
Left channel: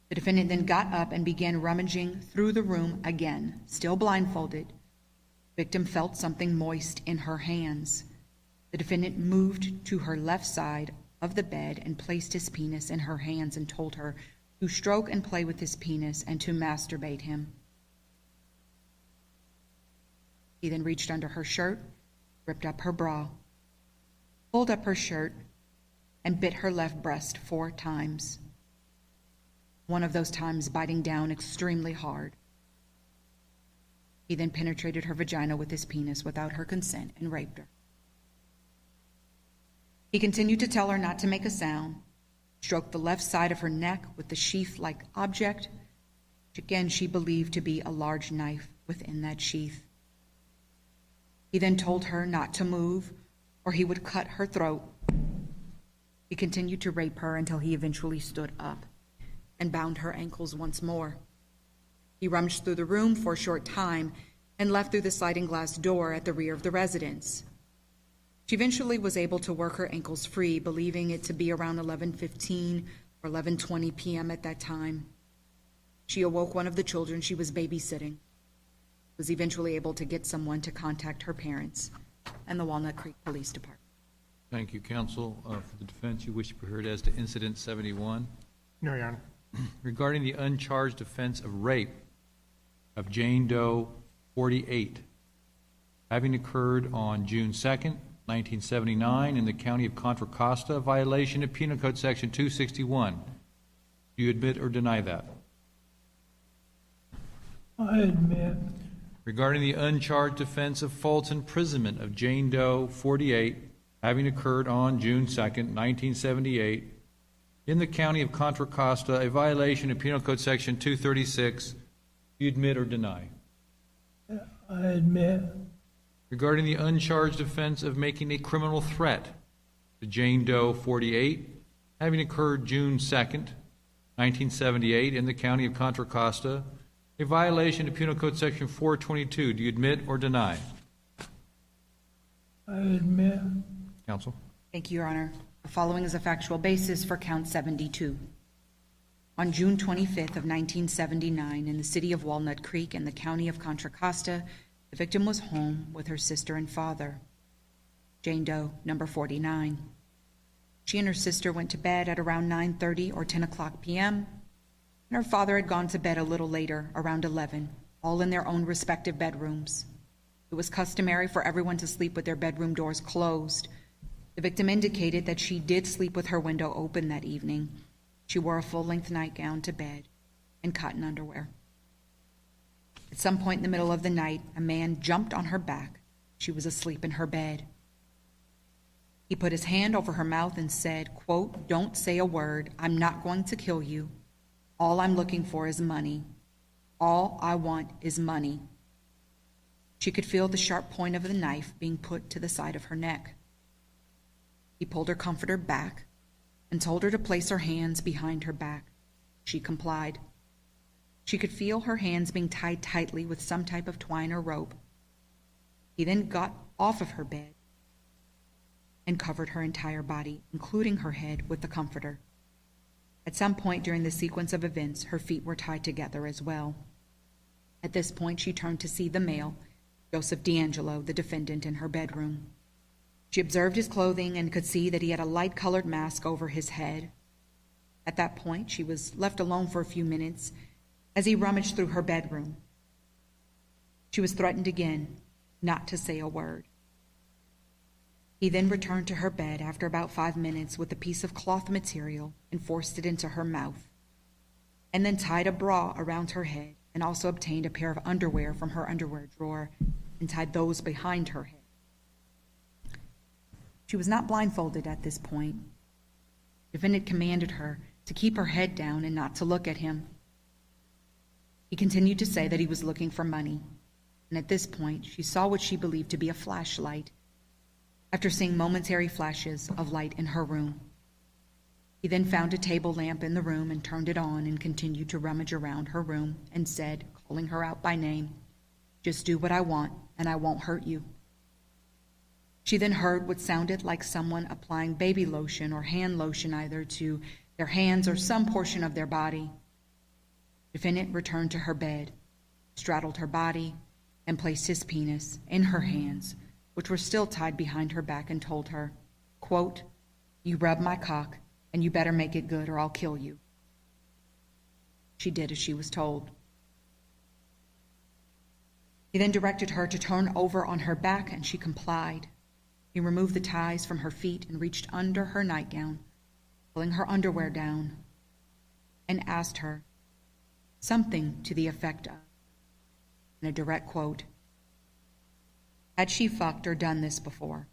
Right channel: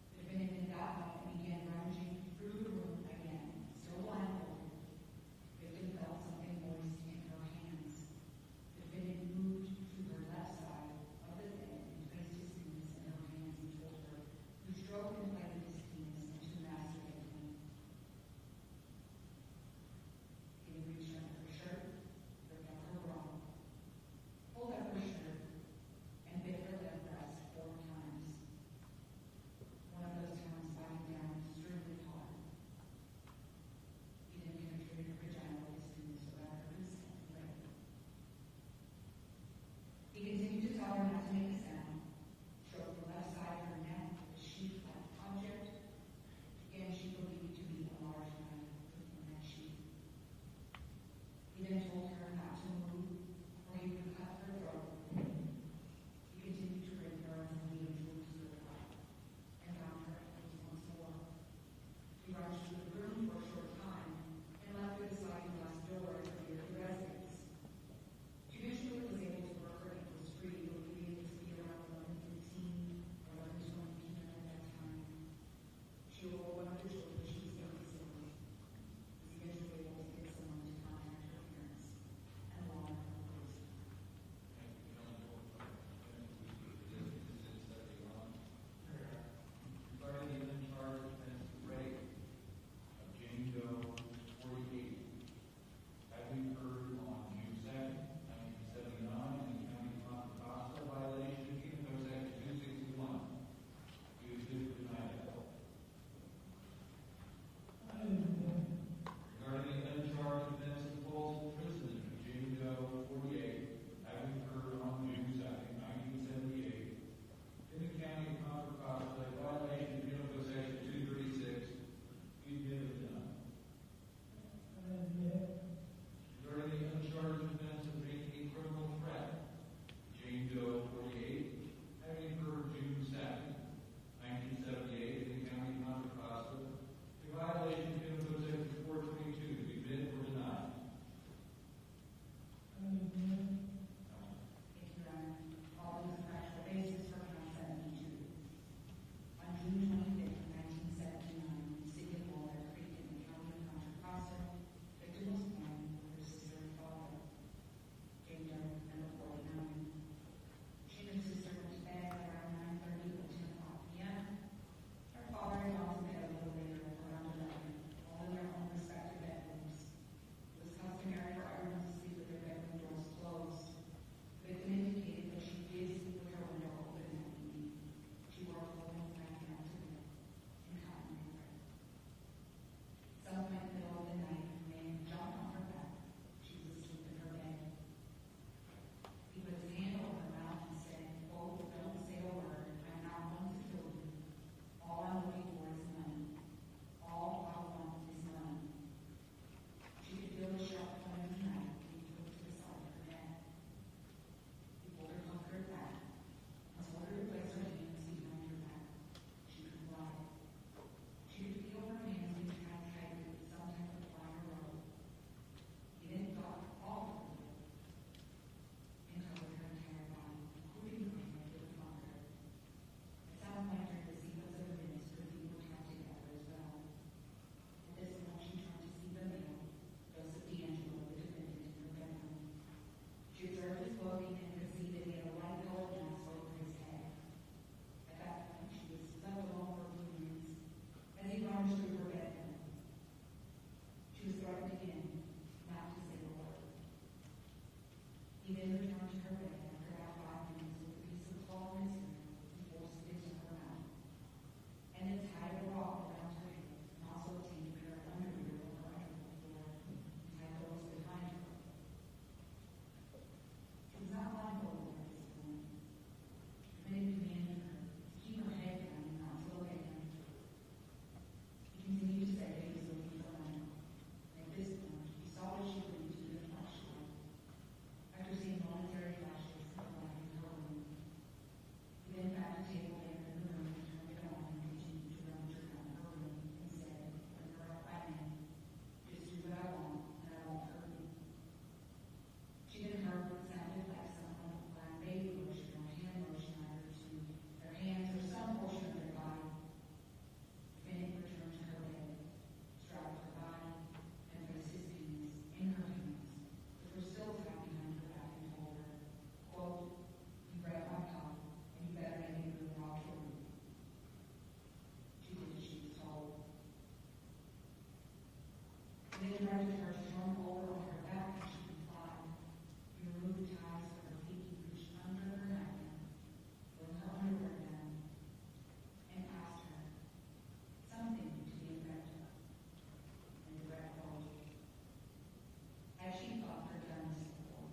The defendant then got up and began rummaging through the room again, still blindfolded. The victim felt something moist in her hands. The defendant moved to her left side of the bed and placed his penis in her hands and told her to stroke and play with his penis and to masturbate him. He then reached under her shirt, ripped up her bra, pulled up her shirt, and bit her left breast 4 times. One of those times biting down extremely hard. He then penetrated her vagina with his penis without her consent and raped her. He continued to tell her not to make a sound, stroked the left side of her neck with the sheath-like object, which again she believed to be a large knife within that sheath. He then told her not to move or he would cut her throat. He continued to rape her until he eventually stood up and bound her ankles once more. He rummaged through the room for a short time and left through the sliding glass door at the rear of the residence. She eventually was able to work her ankles free, believing it to be around 11:15 or 11:20 p.m. at that time. She awoke one of the children she was babysitting, was eventually able to get someone to contact her parents and the Walnut Creek Police Department. Thank you, counsel. For the defense, you wish to be heard as to Incident 71. No, Your Honor. Regarding the uncharged offense of rape of Jane Doe, 48, having occurred on June 2nd, 1979, in the county of Contra Costa, a violation of Penal Code Section 261. Do you admit or deny that? I admit. Regarding the uncharged offense of false imprisonment of Jane Doe, 48, having occurred on June 2nd, 1978, in the county of Contra Costa, a violation of Penal Code Section 236, do you admit or deny? I admit. Regarding the uncharged offense of making a criminal threat to Jane Doe, 48, having occurred June 2nd, 1978, in the county of Contra Costa, A violation of Penal Code Section 422. Do you admit or deny? I admit. Counsel? Thank you, Your Honor. The following is a factual basis for count 72. On June 25th of 1979, in the city of Walnut Creek in the county of Contra Costa, the victim was home with her sister and father, Jane Doe, number 49. She and her sister went to bed at around 9:30 or 10 o'clock p.m., and her father had gone to bed a little later, around 11, all in their own respective bedrooms. It was customary for everyone to sleep with their bedroom doors closed. The victim indicated that she did sleep with her window open that evening. She wore a full-length nightgown to bed and cotton underwear. At some point in the middle of the night, a man jumped on her back. She was asleep in her bed. He put his hand over her mouth and said, quote, "Don't say a word. I'm not going to kill you. All I'm looking for is money. All I want is money." She could feel the sharp point of the knife being put to the side of her neck. He pulled her comforter back and told her to place her hands behind her back. She complied. She could feel her hands being tied tightly with some type of twine or rope. He then got off of her bed and covered her entire body, including her head, with the comforter. At some point during the sequence of events, her feet were tied together as well. At this point, she turned to see the male, Joseph DeAngelo, the defendant, in her bedroom. She observed his clothing and could see that he had a light-colored mask over his head. At that point, she was left alone for a few minutes as he rummaged through her bedroom. She was threatened again not to say a word. He then returned to her bed after about 5 minutes with a piece of cloth material and forced it into her mouth, and then tied a bra around her head and also obtained a pair of underwear from her underwear drawer and tied those behind her head. She was not blindfolded at this point. The defendant commanded her to keep her head down and not to look at him. He continued to say that he was looking for money, and at this point, she saw what she believed to be a flashlight after seeing momentary flashes of light in her room. He then found a table lamp in the room and turned it on and continued to rummage around her room and said, calling her out by name, "Just do what I want and I won't hurt you." She then heard what sounded like someone applying baby lotion or hand lotion either to their hands or some portion of their body. The defendant returned to her bed, straddled her body, and placed his penis in her hands, which were still tied behind her back, and told her, quote, "You rub my cock, and you better make it good or I'll kill you." She did as she was told. He then directed her to turn over on her back, and she complied. He removed the ties from her feet and reached under her nightgown, pulling her underwear down, and asked her something to the effect of, in a direct quote, had she fucked or done this before?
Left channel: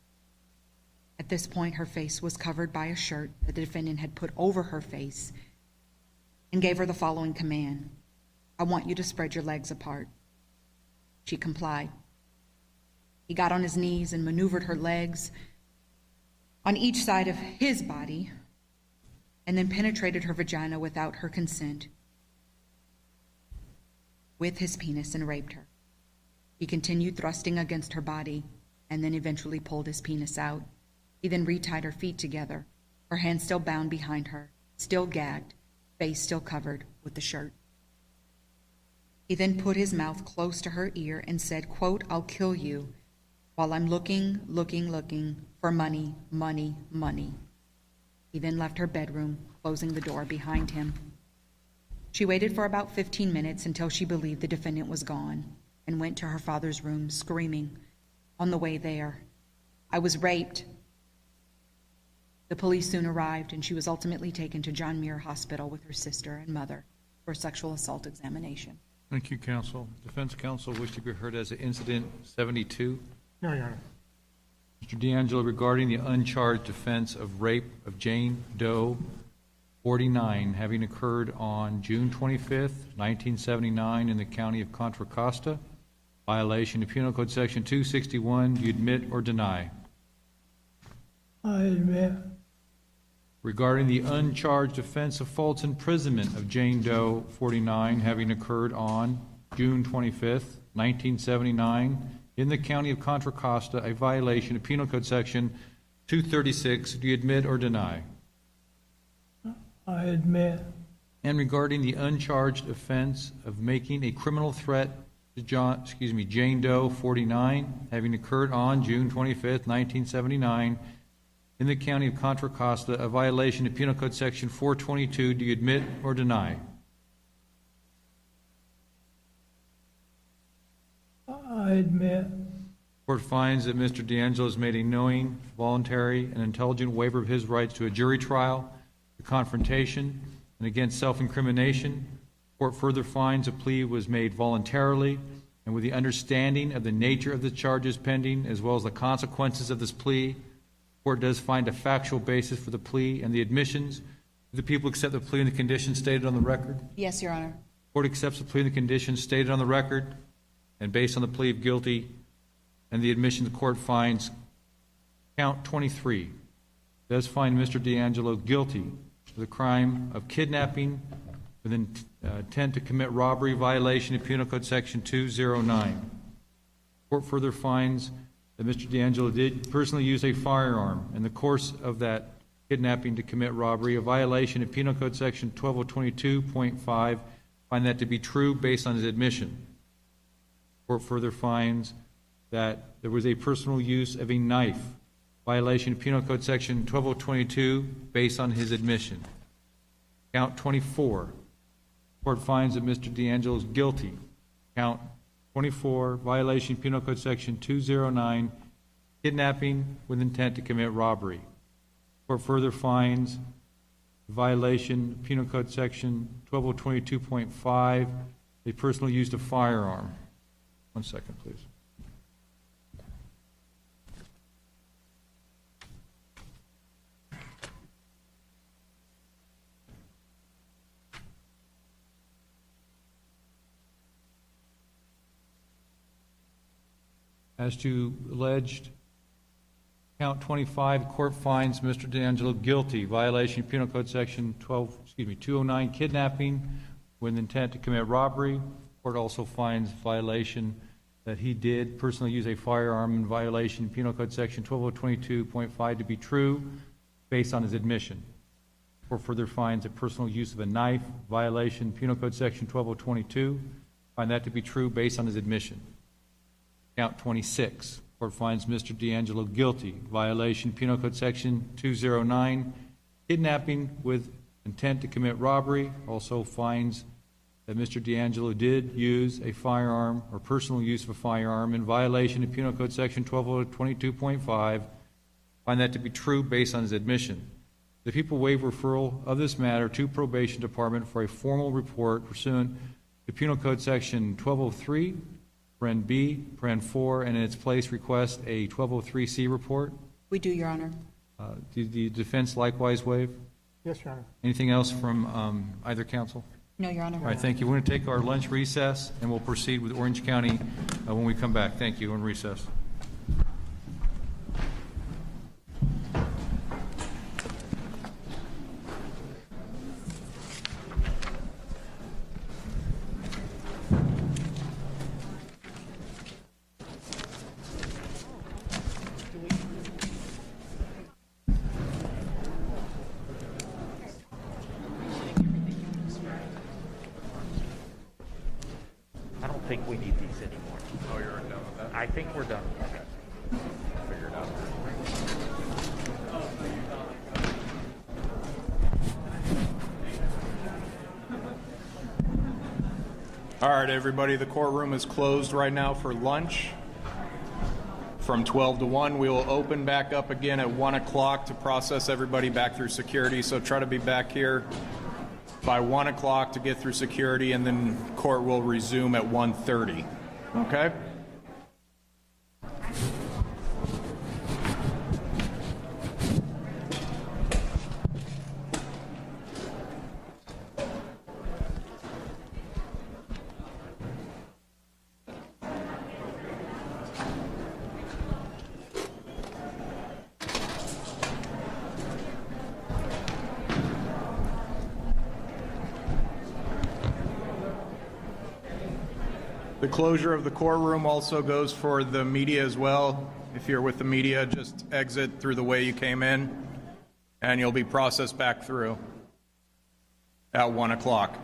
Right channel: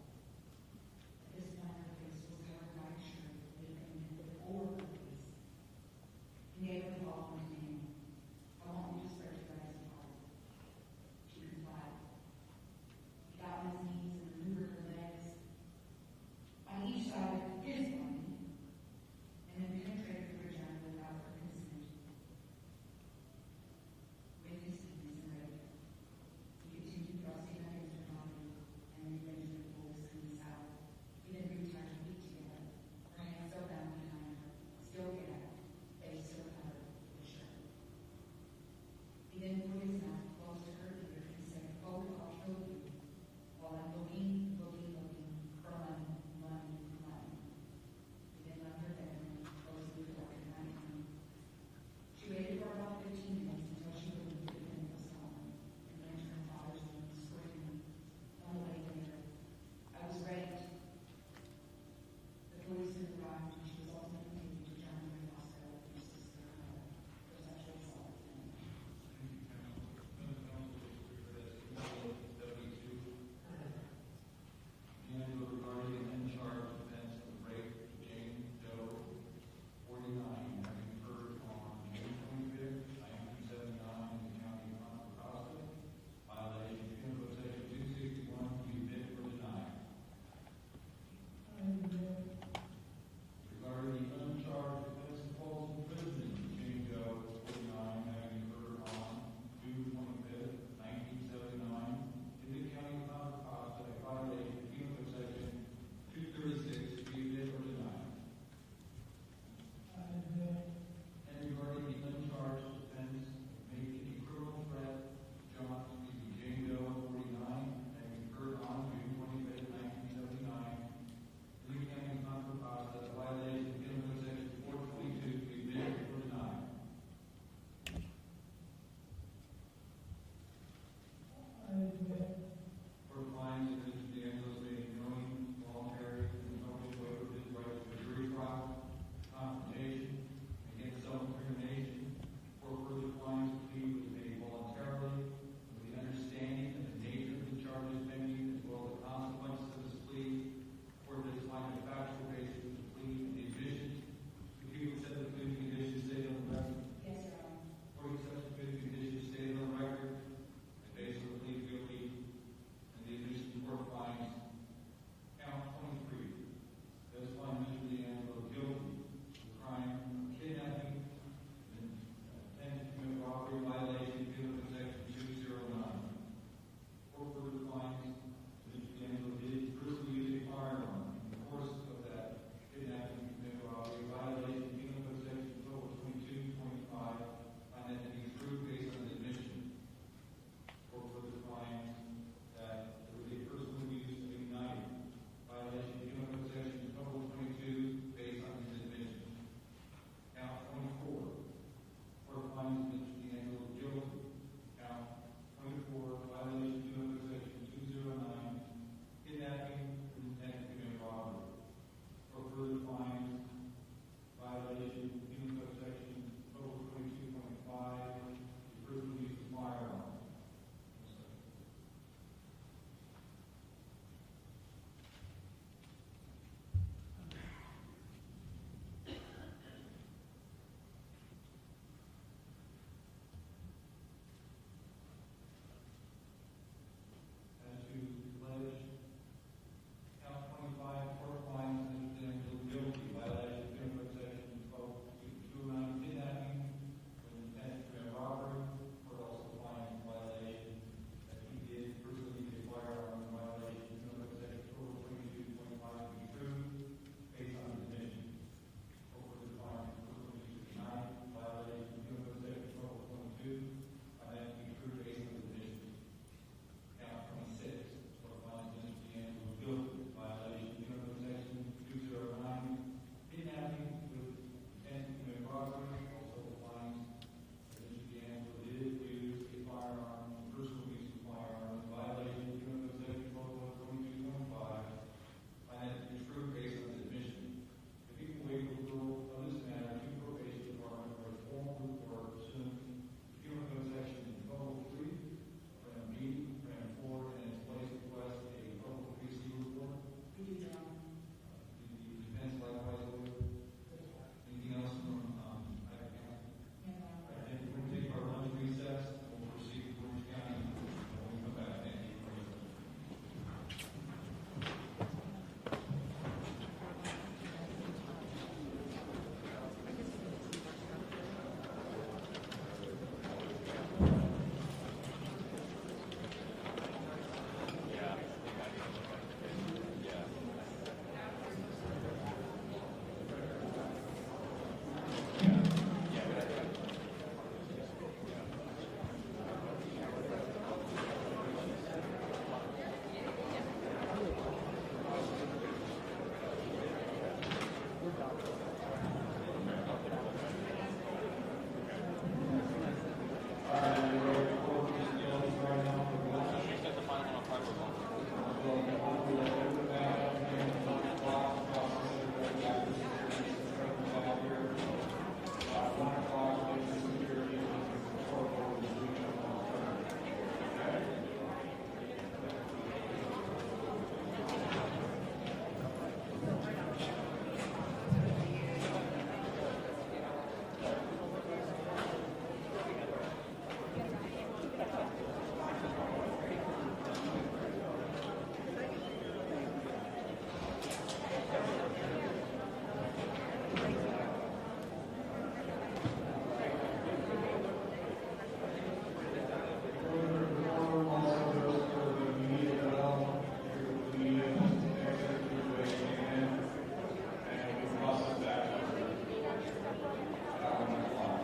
At this point, her face was covered by a shirt that the defendant had put over her face and gave her the following command: "I want you to spread your legs apart." She complied. He got on his knees and maneuvered her legs on each side of his body and then penetrated her vagina without her consent with his penis and raped her. He continued thrusting against her body and then eventually pulled his penis out. He then retied her feet together, her hands still bound behind her, still gagged, face still covered with the shirt. He then put his mouth close to her ear and said, quote, "I'll kill you while I'm looking for money, money, money." He then left her bedroom, closing the door behind him. She waited for about 15 minutes until she believed the defendant was gone and went to her father's room screaming on the way there, "I was raped." The police soon arrived, and she was ultimately taken to John Muir Hospital with her sister and mother for a sexual assault examination. Thank you, counsel. Defense counsel wish to be heard as to incident 72. No, Your Honor. Mr. DeAngelo, regarding the uncharged offense of rape of Jane Doe, 49, having occurred on June 25th, 1979 in the county of Contra Costa, violation of Penal Code Section 261, do you admit or deny? I admit. Regarding the uncharged offense of false imprisonment of Jane Doe, 49, having occurred on June 25th, 1979, in the County of Contra Costa, a violation of Penal Code Section 236. Do you admit or deny? I admit. And regarding the uncharged offense of making a criminal threat to Jane Doe, 49, having occurred on June 25th, 1979, in the County of Contra Costa, a violation of Penal Code Section 422. Do you admit or deny? I admit. Court finds that Mr. DeAngelo has made a knowing, voluntary, and intelligent waiver of his rights to a jury trial, to confrontation, and against self-incrimination. Court further finds a plea was made voluntarily and with the understanding of the nature of the charges pending, as well as the consequences of this plea. Court does find a factual basis for the plea and the admissions. Do the people accept the plea and the conditions stated on the record? Yes, Your Honor. Court accepts the plea and the conditions stated on the record, and based on the plea of guilty and the admission, the court finds count 23 does find Mr. DeAngelo guilty of the crime of kidnapping with intent to commit robbery, violation of Penal Code Section 209. Court further finds that Mr. DeAngelo did personally use a firearm in the course of that kidnapping to commit robbery, a violation of Penal Code Section 12022.5. Find that to be true based on his admission. Court further finds that there was a personal use of a knife, violation of Penal Code Section 12022 based on his admission. Count 24. Court finds that Mr. DeAngelo is guilty. Count 24, violation of Penal Code Section 209, kidnapping with intent to commit robbery. Court further finds violation of Penal Code Section 12022.5, a personal use of firearm. 1 second, please. As to alleged count 25, the court finds Mr. DeAngelo guilty, violation of Penal Code Section 209, kidnapping with intent to commit robbery. The court also finds violation that he did personally use a firearm in violation of Penal Code Section 12022.5 to be true based on his admission. The court further finds a personal use of a knife, violation of Penal Code Section 12022, find that to be true based on his admission. Count 26, court finds Mr. DeAngelo guilty, violation Penal Code Section 209, kidnapping with intent to commit robbery. Also finds that Mr. DeAngelo did use a firearm or personal use of a firearm in violation of Penal Code Section 1222.5. Find that to be true based on his admission. The people waive referral of this matter to Probation Department for a formal report pursuant to Penal Code Section 1203, Paren B, Paren 4, and in its place request a 1203C report. We do, Your Honor. Did the defense likewise waive? Yes, Your Honor. Anything else from either counsel? No, Your Honor. All right, thank you. We're going to take our lunch recess, and we'll proceed with Orange County when we come back. Thank you. We're in recess. I don't think we need these anymore. Oh, you're done with that? I think we're done. Figured out. All right, everybody, the courtroom is closed right now for lunch. From 12 to 1, we will open back up again at 1 o'clock to process everybody back through security. So try to be back here by 1 o'clock to get through security, and then court will resume at 1:30. Okay? The closure of the courtroom also goes for the media as well. If you're with the media, just exit through the way you came in, and you'll be processed back through at 1 o'clock.